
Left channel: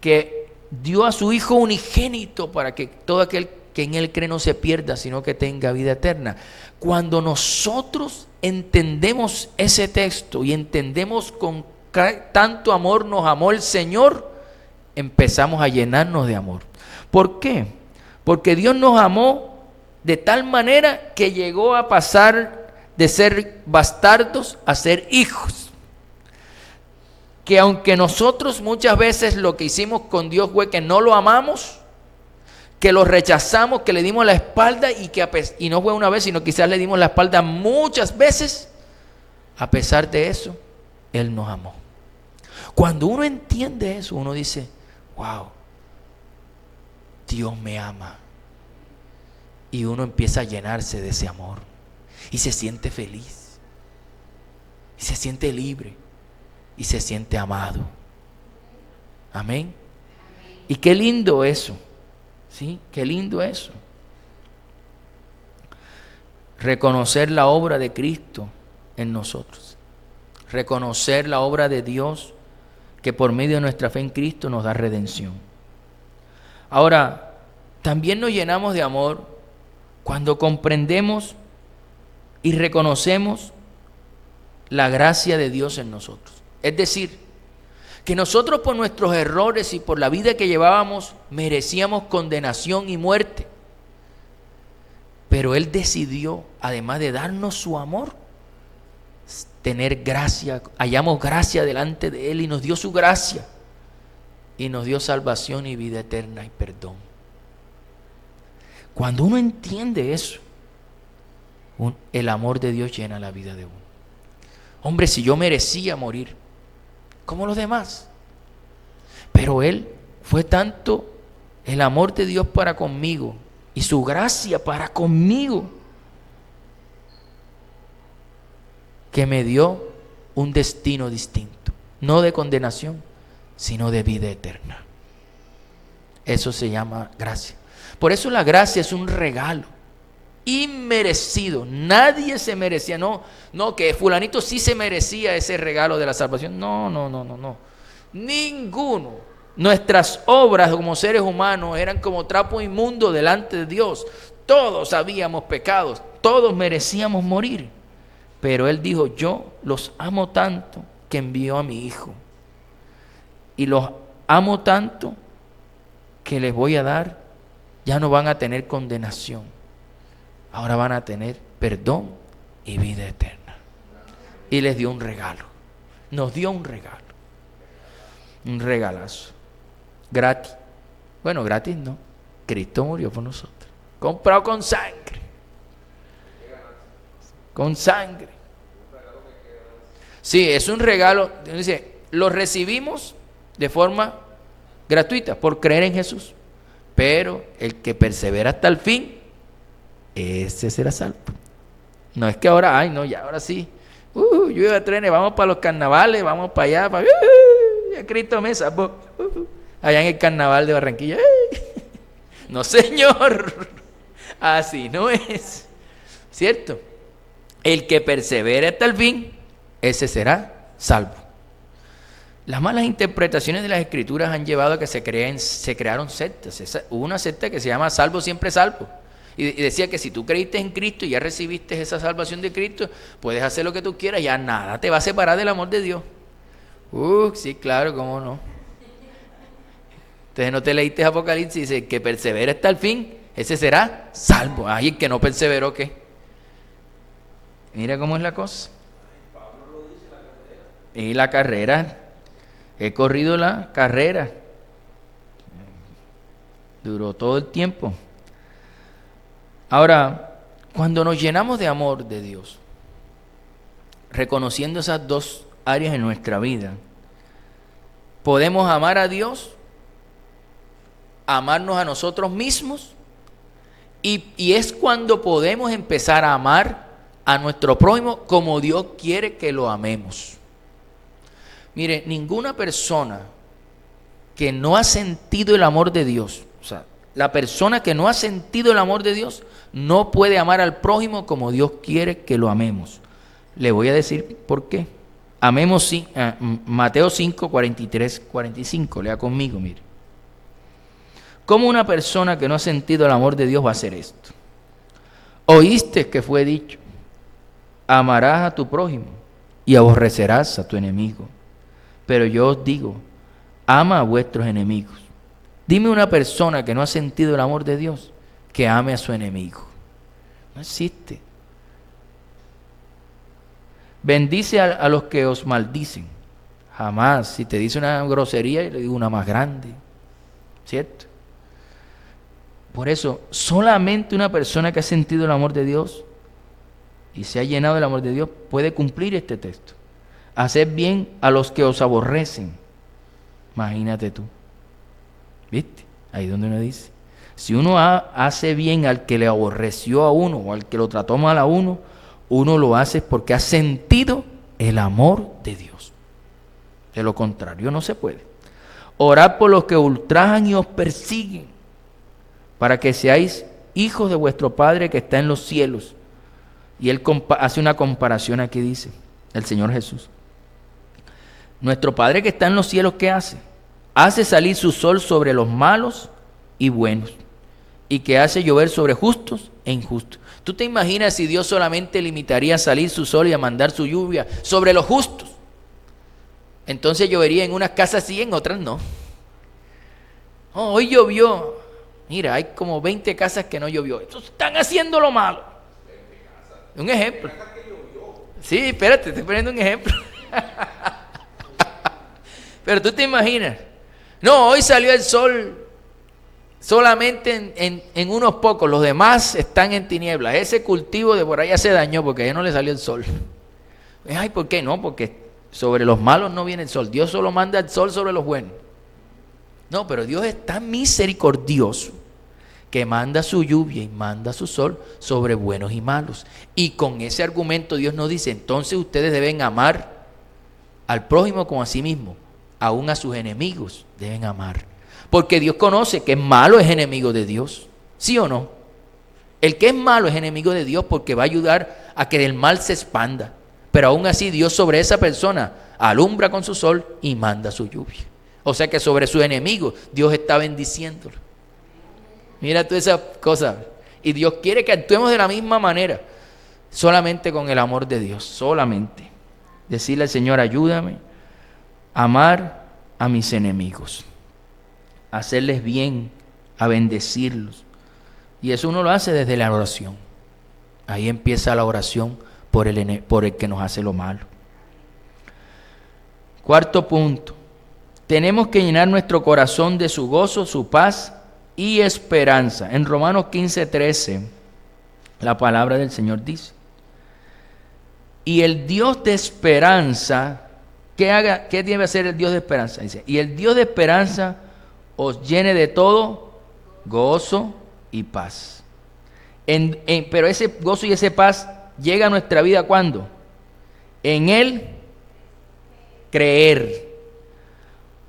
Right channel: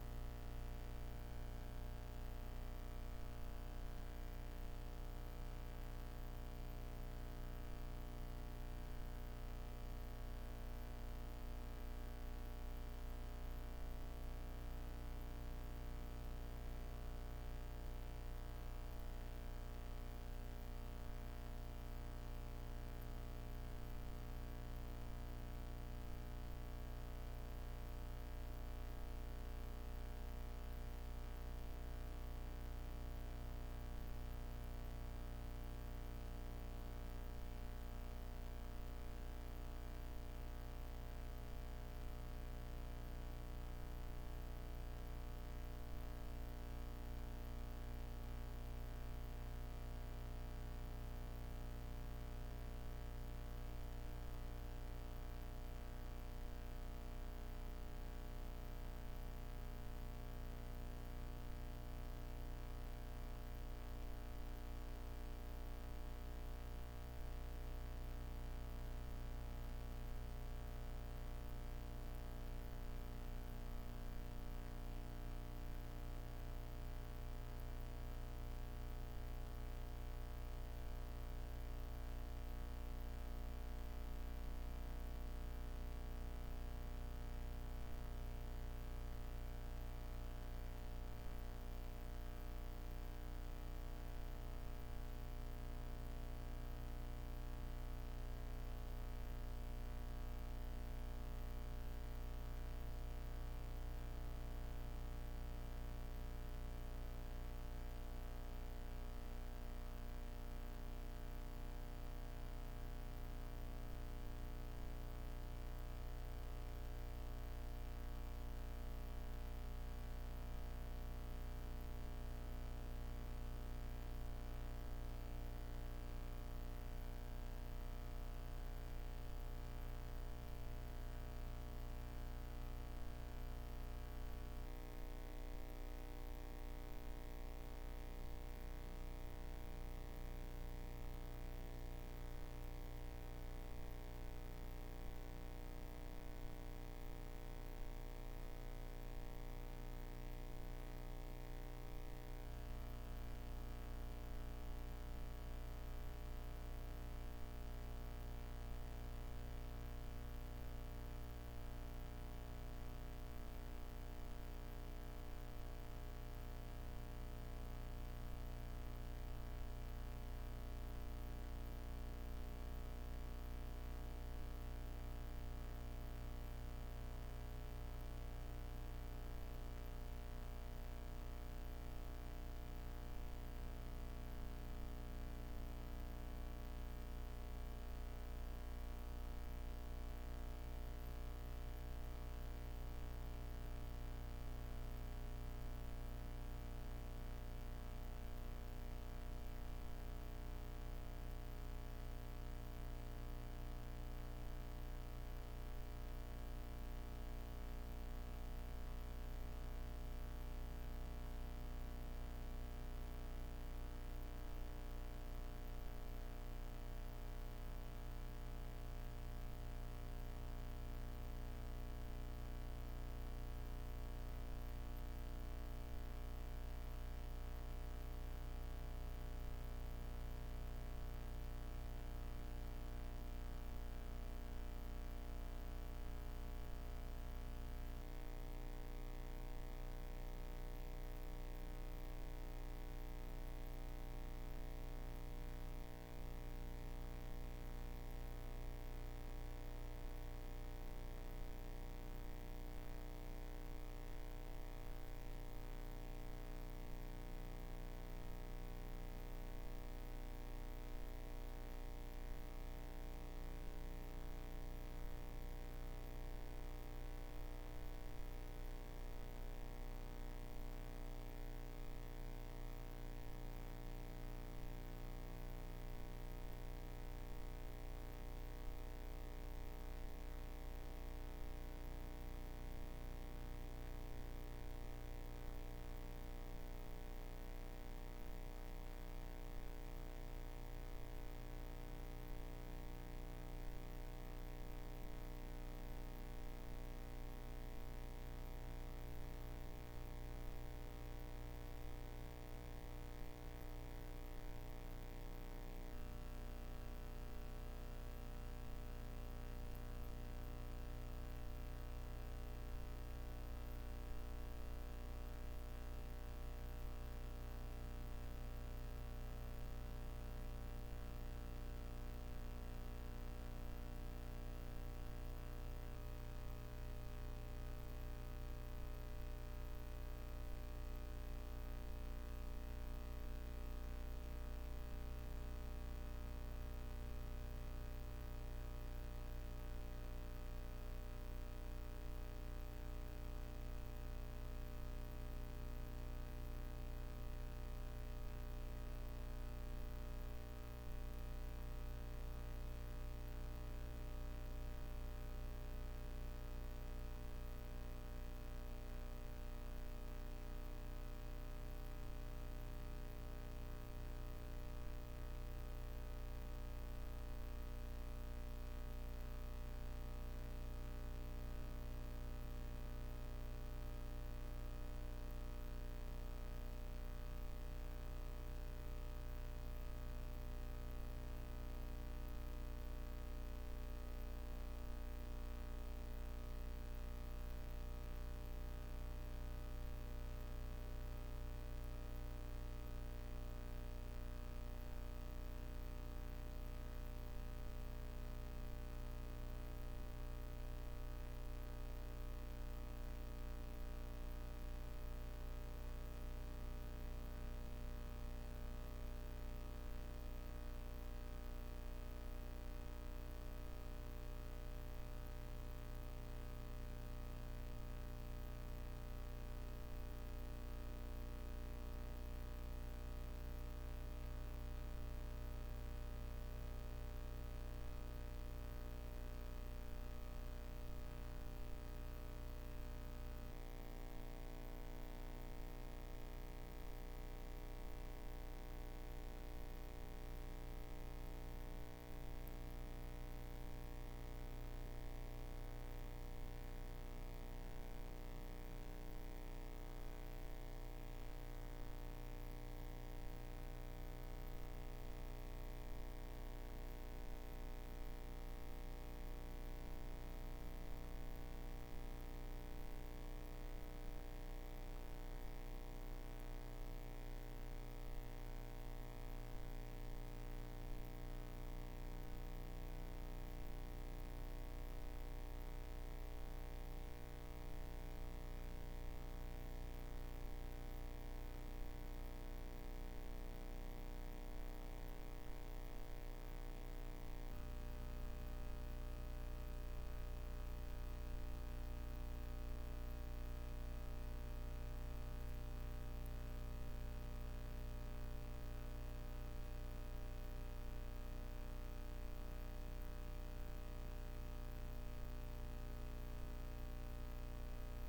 que dio a su Hijo unigénito para que todo aquel que en Él cree no se pierda, sino que tenga vida eterna. Cuando nosotros entendemos ese texto y entendemos con qué tanto amor nos amó el Señor, empezamos a llenarnos de amor. ¿Por qué? Porque Dios nos amó de tal manera que llegó a pasar de ser bastardos a ser hijos. Que aunque nosotros muchas veces lo que hicimos con Dios fue que no lo amamos, que lo rechazamos, que le dimos la espalda y no fue una vez, sino quizás le dimos la espalda muchas veces, a pesar de eso, Él nos amó. Cuando uno entiende eso, uno dice: wow, Dios me ama. Y uno empieza a llenarse de ese amor y se siente feliz y se siente libre y se siente amado. Amén. Y qué lindo eso. Sí, qué lindo eso. Reconocer la obra de Cristo en nosotros. Reconocer la obra de Dios que por medio de nuestra fe en Cristo nos da redención. Ahora, también nos llenamos de amor cuando comprendemos y reconocemos la gracia de Dios en nosotros. Es decir, que nosotros por nuestros errores y por la vida que llevábamos merecíamos condenación y muerte. Pero Él decidió, además de darnos su amor, tener gracia, hallamos gracia delante de Él y nos dio su gracia y nos dio salvación y vida eterna y perdón. Cuando uno entiende eso, el amor de Dios llena la vida de uno. Hombre, si yo merecía morir como los demás, pero Él fue tanto el amor de Dios para conmigo y su gracia para conmigo, que me dio un destino distinto, no de condenación, sino de vida eterna. Eso se llama gracia. Por eso la gracia es un regalo inmerecido. Nadie se merecía, no que fulanito sí se merecía ese regalo de la salvación. No. Ninguno. Nuestras obras como seres humanos eran como trapo inmundo delante de Dios. Todos habíamos pecados, todos merecíamos morir. Pero Él dijo: yo los amo tanto que envió a mi Hijo. Y los amo tanto que les voy a dar, ya no van a tener condenación. Ahora van a tener perdón y vida eterna. Y les dio un regalo. Nos dio un regalo. Un regalazo. Gratis. Bueno, gratis no. Cristo murió por nosotros. Comprado con sangre. Con sangre. Sí, es un regalo. Dice, lo recibimos de forma gratuita por creer en Jesús. Pero el que persevera hasta el fin, ese será salvo. No es que ahora, ya ahora sí. Lluvia de trenes, vamos para los carnavales, vamos para allá, ya Cristo me salvó. Allá en el carnaval de Barranquilla. No, señor. Así no es. ¿cierto? El que persevere hasta el fin, ese será salvo. Las malas interpretaciones de las Escrituras han llevado a que se crearon sectas. Hubo una secta que se llama Salvo Siempre Salvo. Y decía que si tú creíste en Cristo y ya recibiste esa salvación de Cristo, puedes hacer lo que tú quieras, ya nada te va a separar del amor de Dios. Sí, claro, cómo no. Entonces no te leíste Apocalipsis, dice que persevera hasta el fin, ese será salvo. Ay, el que no perseveró, ¿qué? Mira cómo es la cosa. Y la carrera, he corrido la carrera. Duró todo el tiempo. Ahora, cuando nos llenamos de amor de Dios, reconociendo esas dos áreas en nuestra vida, podemos amar a Dios, amarnos a nosotros mismos, y es cuando podemos empezar a amar a nuestro prójimo como Dios quiere que lo amemos. Mire, ninguna persona que no ha sentido el amor de Dios, o sea, la persona que no ha sentido el amor de Dios, no puede amar al prójimo como Dios quiere que lo amemos. Le voy a decir por qué. Amemos, Mateo 5, 43, 45, lea conmigo, mire. ¿Cómo una persona que no ha sentido el amor de Dios va a hacer esto? Oíste que fue dicho, amarás a tu prójimo y aborrecerás a tu enemigo. Pero yo os digo, ama a vuestros enemigos. Dime una persona que no ha sentido el amor de Dios que ame a su enemigo. No existe. Bendice a los que os maldicen. Jamás. Si te dice una grosería, le digo una más grande. ¿Cierto? Por eso, solamente una persona que ha sentido el amor de Dios y se ha llenado del amor de Dios puede cumplir este texto. Haced bien a los que os aborrecen. Imagínate tú. ¿Viste? Ahí donde uno dice. Si uno hace bien al que le aborreció a uno o al que lo trató mal a uno, uno lo hace porque ha sentido el amor de Dios. De lo contrario no se puede. Orad por los que ultrajan y os persiguen, para que seáis hijos de vuestro Padre que está en los cielos. Y él hace una comparación aquí, dice el Señor Jesús. Nuestro Padre que está en los cielos, ¿qué hace? Hace salir su sol sobre los malos y buenos, y que hace llover sobre justos e injustos. ¿Tú te imaginas si Dios solamente limitaría a salir su sol y a mandar su lluvia sobre los justos? Entonces llovería en unas casas sí, en otras no. Oh, hoy llovió. Mira, hay como 20 casas que no llovió. Estos están haciendo lo malo. Un ejemplo. Sí, espérate, estoy poniendo un ejemplo. Pero tú te imaginas. No, hoy salió el sol solamente en unos pocos. Los demás están en tinieblas. Ese cultivo de por allá se dañó porque ya no le salió el sol. Ay, ¿por qué no? Porque sobre los malos no viene el sol. Dios solo manda el sol sobre los buenos. No, pero Dios es tan misericordioso que manda su lluvia y manda su sol sobre buenos y malos. Y con ese argumento Dios nos dice, entonces ustedes deben amar al prójimo como a sí mismo, aún a sus enemigos deben amar. Porque Dios conoce que el malo es enemigo de Dios, ¿sí o no? El que es malo es enemigo de Dios porque va a ayudar a que el mal se expanda. Pero aún así Dios sobre esa persona alumbra con su sol y manda su lluvia. O sea que sobre sus enemigos Dios está bendiciéndolo. Mira tú esa cosa. Y Dios quiere que actuemos de la misma manera. Solamente con el amor de Dios. Solamente. Decirle al Señor, ayúdame a amar a mis enemigos. A hacerles bien. A bendecirlos. Y eso uno lo hace desde la oración. Ahí empieza la oración por el que nos hace lo malo. Cuarto punto. Tenemos que llenar nuestro corazón de su gozo, su paz y esperanza. En Romanos 15:13, la palabra del Señor dice: y el Dios de esperanza, ¿qué debe hacer el Dios de esperanza? Dice, y el Dios de esperanza os llene de todo gozo y paz. Pero ese gozo y esa paz llega a nuestra vida ¿cuándo? En Él creer.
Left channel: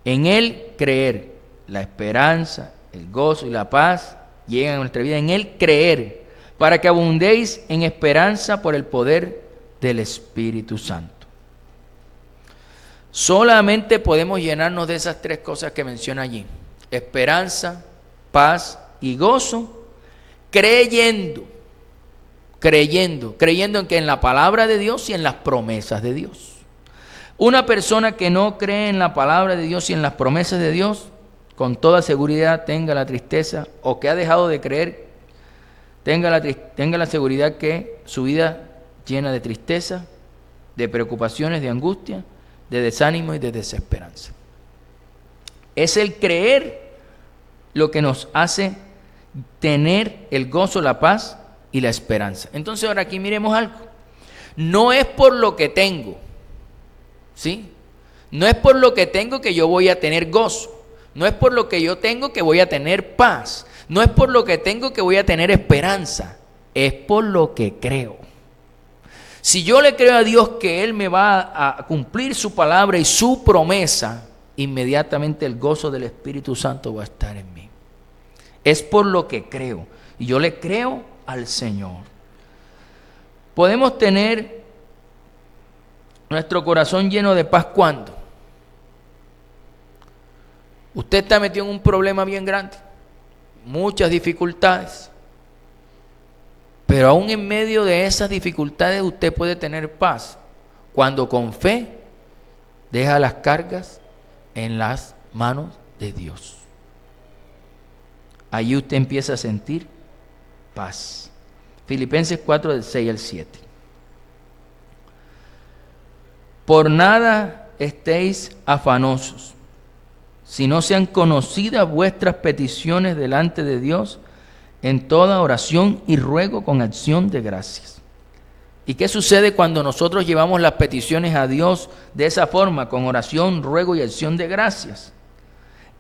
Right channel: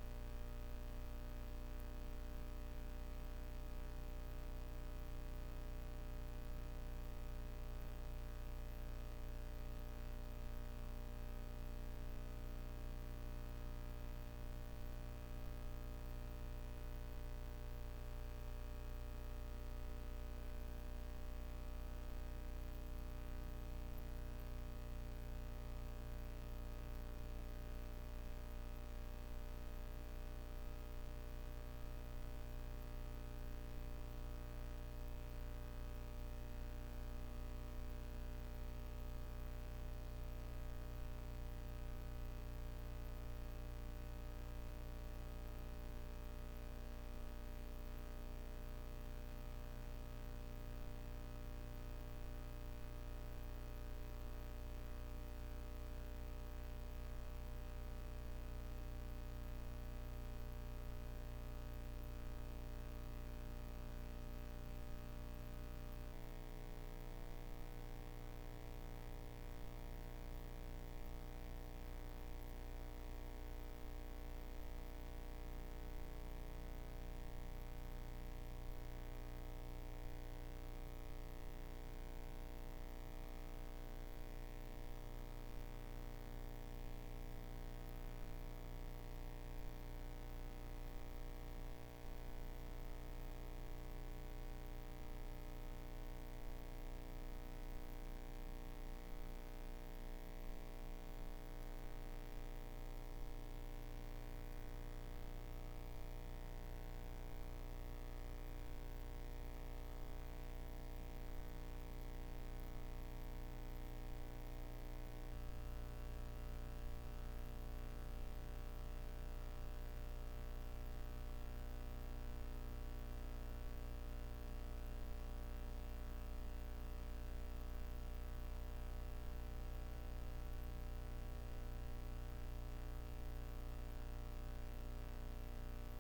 En Él creer. La esperanza, el gozo y la paz llegan a nuestra vida en Él creer. para que abundéis en esperanza por el poder del Espíritu Santo. Solamente podemos llenarnos de esas tres cosas que menciona allí: esperanza, paz y gozo, creyendo en que en la palabra de Dios y en las promesas de Dios. Una persona que no cree en la palabra de Dios y en las promesas de Dios, con toda seguridad tenga la tristeza, o que ha dejado de creer, tenga la seguridad que su vida llena de tristeza, de preocupaciones, de angustia, de desánimo y de desesperanza. Es el creer lo que nos hace tener el gozo, la paz y la esperanza. Entonces ahora aquí miremos algo. No es por lo que tengo, ¿sí? No es por lo que tengo que yo voy a tener gozo. No es por lo que yo tengo que voy a tener paz. No es por lo que tengo que voy a tener esperanza. Es por lo que creo. Si yo le creo a Dios que Él me va a cumplir su palabra y su promesa, inmediatamente el gozo del Espíritu Santo va a estar en mí. Es por lo que creo. Y yo le creo al Señor. Podemos tener nuestro corazón lleno de paz cuando usted está metido en un problema bien grande, muchas dificultades, pero aún en medio de esas dificultades usted puede tener paz cuando con fe deja las cargas en las manos de Dios. Allí usted empieza a sentir paz. Filipenses 4, del 6 al 7. Por nada estéis afanosos, si no sean conocidas vuestras peticiones delante de Dios en toda oración y ruego con acción de gracias. ¿Y qué sucede cuando nosotros llevamos las peticiones a Dios de esa forma, con oración, ruego y acción de gracias?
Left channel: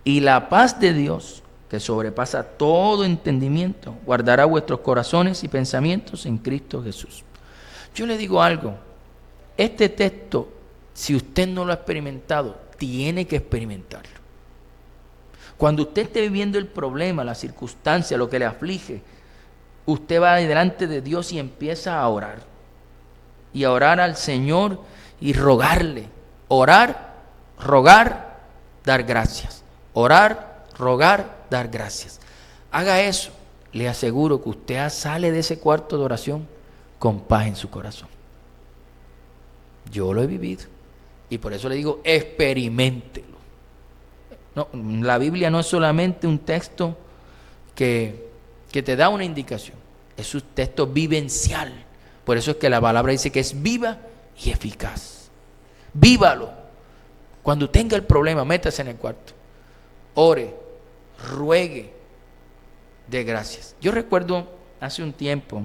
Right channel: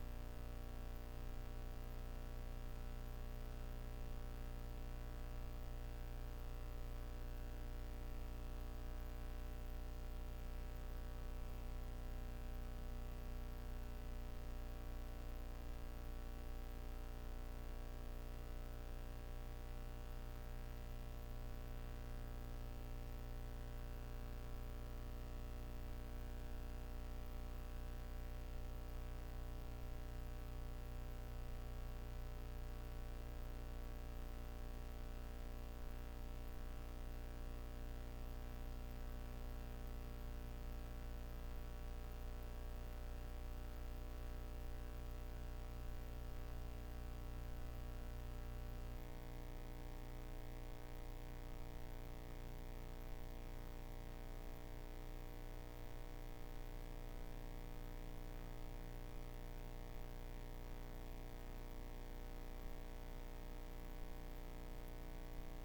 Y la paz de Dios, que sobrepasa todo entendimiento, guardará vuestros corazones y pensamientos en Cristo Jesús. Yo le digo algo, este texto, si usted no lo ha experimentado, tiene que experimentarlo. Cuando usted esté viviendo el problema, la circunstancia, lo que le aflige, usted va delante de Dios y empieza a orar. Y a orar al Señor y rogarle. Orar, rogar, dar gracias. Orar, rogar, dar gracias. Haga eso. Le aseguro que usted sale de ese cuarto de oración con paz en su corazón. Yo lo he vivido. Y por eso le digo, experiméntelo. No, la Biblia no es solamente un texto que te da una indicación. Es un texto vivencial. Por eso es que la palabra dice que es viva y eficaz. Vívalo. Cuando tenga el problema, métase en el cuarto. Ore, ruegue, dé gracias. Yo recuerdo hace un tiempo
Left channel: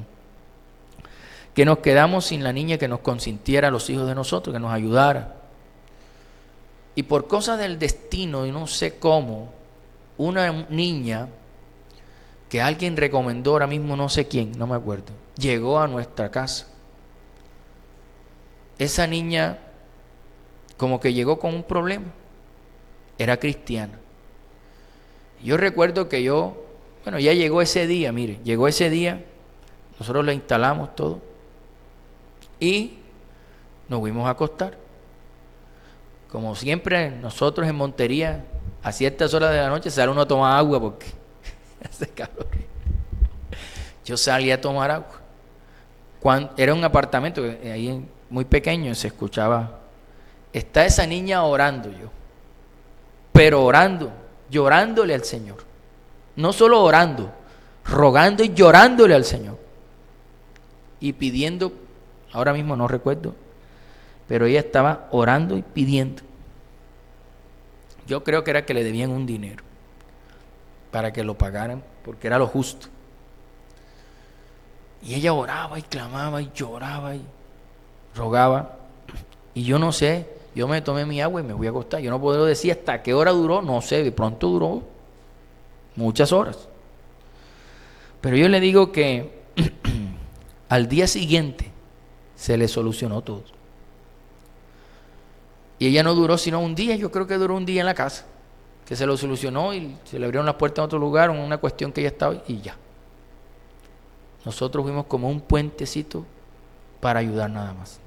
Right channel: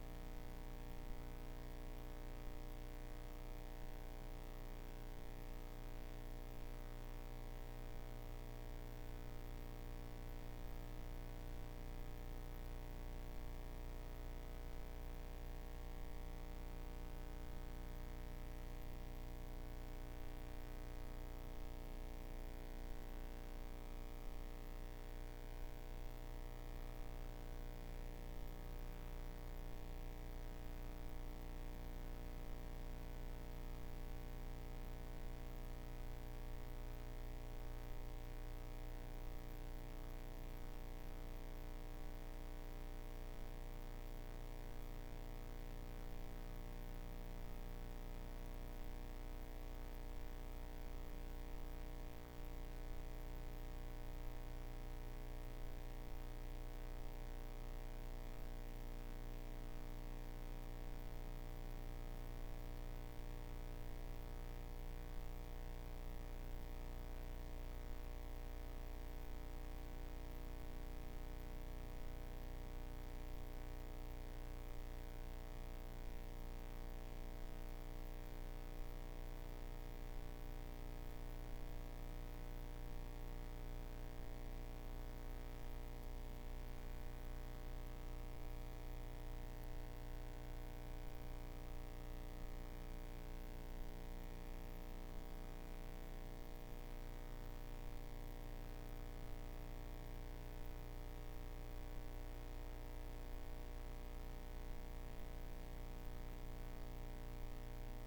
que nos quedamos sin la niña que nos consintiera a los hijos de nosotros, que nos ayudara. Y por cosas del destino, y no sé cómo, una niña que alguien recomendó, ahora mismo no sé quién, no me acuerdo, llegó a nuestra casa. Esa niña como que llegó con un problema. Era cristiana. Yo recuerdo que ya llegó ese día, mire, llegó ese día, nosotros le instalamos todo y nos fuimos a acostar. Como siempre, nosotros en Montería, a ciertas horas de la noche, sale uno a tomar agua porque hace calor. Yo salí a tomar agua. Era un apartamento ahí muy pequeño, se escuchaba. Está esa niña orando pero orando, llorándole al Señor. No solo orando, rogando y llorándole al Señor. Y pidiendo, ahora mismo no recuerdo, pero ella estaba orando y pidiendo. Yo creo que era que le debían un dinero para que lo pagaran, porque era lo justo. Y ella oraba y clamaba y lloraba y rogaba. Y yo no sé, yo me tomé mi agua y me fui a acostar. Yo no puedo decir hasta qué hora duró, no sé, de pronto duró muchas horas. Pero yo le digo que al día siguiente se le solucionó todo. Y ella no duró sino un día, yo creo que duró un día en la casa, que se lo solucionó y se le abrieron las puertas en otro lugar, una cuestión que ella estaba y ya. Nosotros fuimos como un puentecito para ayudar nada más.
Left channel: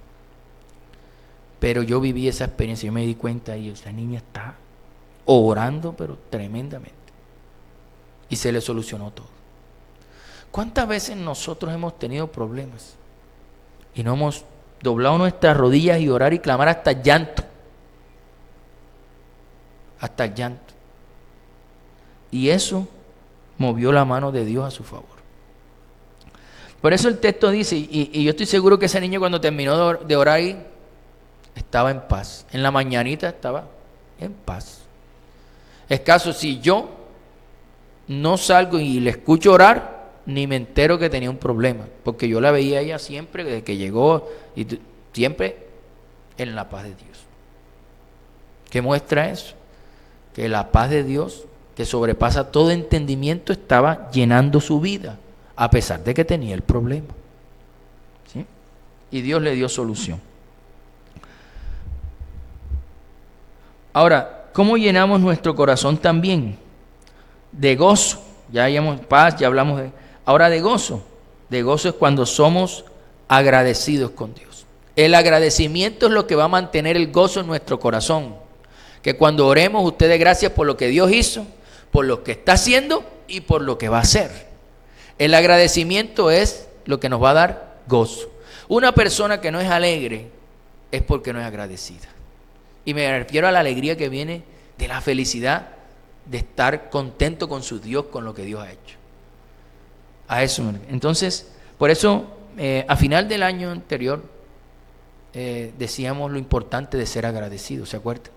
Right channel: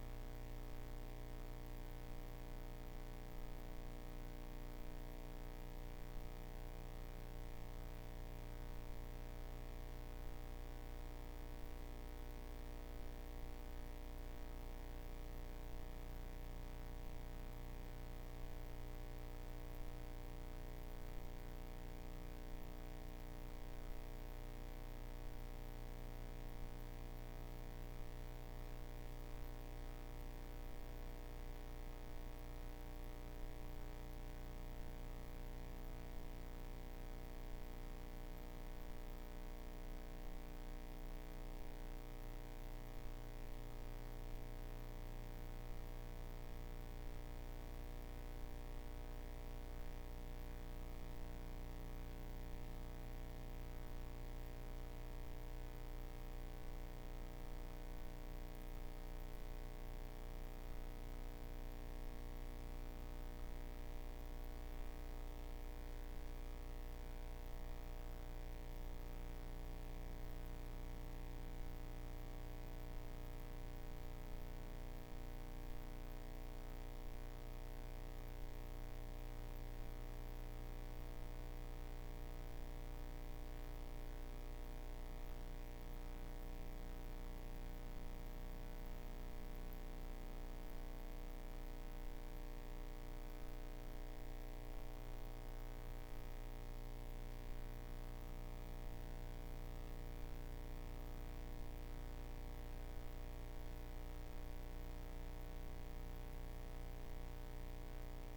Pero yo viví esa experiencia, yo me di cuenta y esa niña está orando, pero tremendamente. Y se le solucionó todo. ¿Cuántas veces nosotros hemos tenido problemas y no hemos doblado nuestras rodillas y orar y clamar hasta el llanto? Hasta el llanto. Y eso movió la mano de Dios a su favor. Por eso el texto dice, y yo estoy seguro que ese niño cuando terminó de orar ahí, estaba en paz. En la mañanita estaba en paz. Es caso, si yo no salgo y le escucho orar, ni me entero que tenía un problema, porque yo la veía a ella siempre, desde que llegó, y siempre en la paz de Dios. ¿Qué muestra eso? Que la paz de Dios, que sobrepasa todo entendimiento, estaba llenando su vida, a pesar de que tenía el problema. ¿Sí? Y Dios le dio solución. Ahora, ¿cómo llenamos nuestro corazón también? De gozo. Ya hayamos paz, ya hablamos de... Ahora de gozo. De gozo es cuando somos agradecidos con Dios. El agradecimiento es lo que va a mantener el gozo en nuestro corazón. Que cuando oremos, usted dé gracias por lo que Dios hizo, por lo que está haciendo y por lo que va a hacer. El agradecimiento es lo que nos va a dar gozo. Una persona que no es alegre es porque no es agradecida. Y me refiero a la alegría que viene de la felicidad de estar contento con su Dios, con lo que Dios ha hecho. A eso. Entonces, por eso, a final del año anterior, decíamos lo importante de ser agradecido, ¿se acuerdan?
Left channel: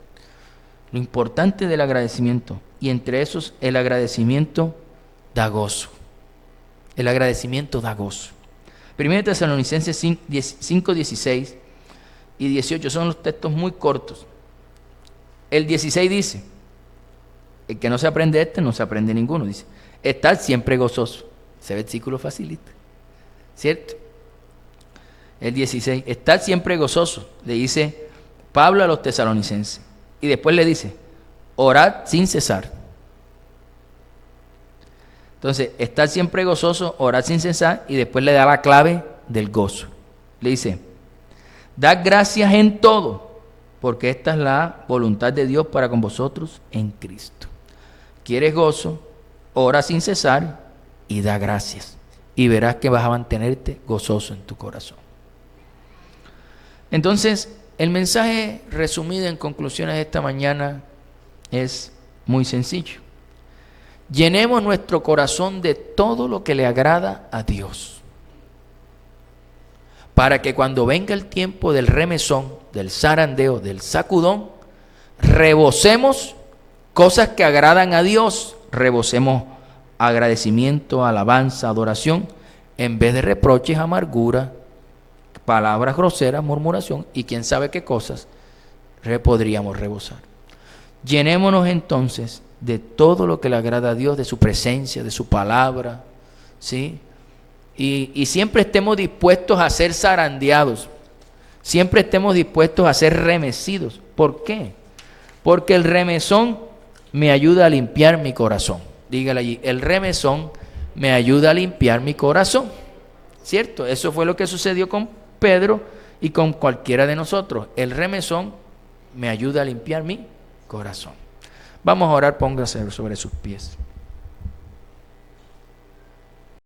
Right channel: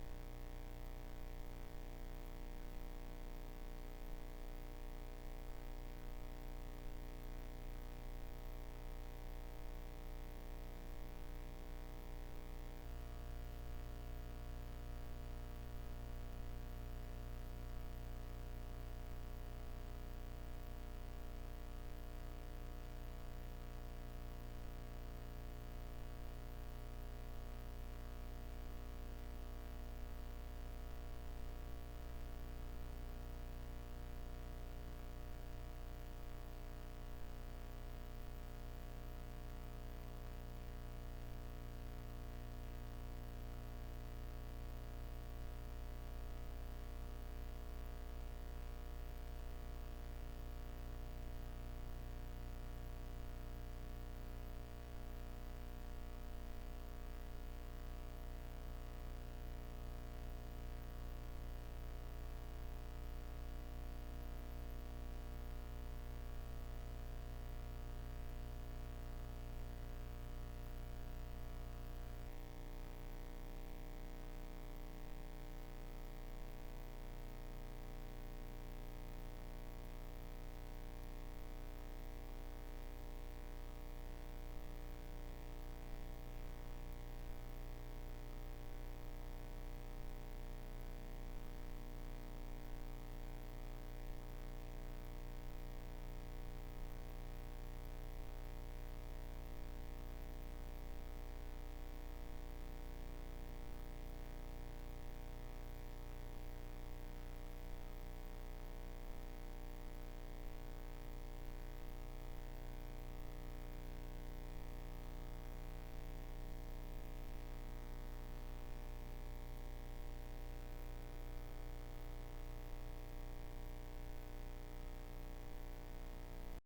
Lo importante del agradecimiento. Y entre esos, el agradecimiento da gozo. El agradecimiento da gozo. 1 Tesalonicenses 5, 16 y 18 son los textos muy cortos. El 16 dice, el que no se aprende no se aprende ninguno. Dice, estar siempre gozoso. Ese versículo facilita, ¿cierto? El 16, estar siempre gozoso, le dice Pablo a los tesalonicenses. Y después le dice, orad sin cesar. Entonces, estar siempre gozoso, orar sin cesar, y después le da la clave del gozo. Le dice, dad gracias en todo, porque esta es la voluntad de Dios para con vosotros en Cristo. ¿Quieres gozo? Ora sin cesar y da gracias. Y verás que vas a mantenerte gozoso en tu corazón. Entonces, el mensaje resumido en conclusiones de esta mañana es muy sencillo. Llenemos nuestro corazón de todo lo que le agrada a Dios, para que cuando venga el tiempo del remesón, del zarandeo, del sacudón, rebosemos cosas que agradan a Dios, rebosemos agradecimiento, alabanza, adoración, en vez de reproches, amargura, palabras groseras, murmuración y quién sabe qué cosas podríamos rebosar. Llenémonos entonces de todo lo que le agrada a Dios, de su presencia, de su palabra, ¿sí? Y siempre estemos dispuestos a ser zarandeados, siempre estemos dispuestos a ser remecidos. ¿Por qué? Porque el remesón me ayuda a limpiar mi corazón. Dígale allí, el remesón me ayuda a limpiar mi corazón, ¿cierto? Eso fue lo que sucedió con Pedro y con cualquiera de nosotros. El remesón me ayuda a limpiar mi corazón. Vamos a orar, póngase sobre sus pies.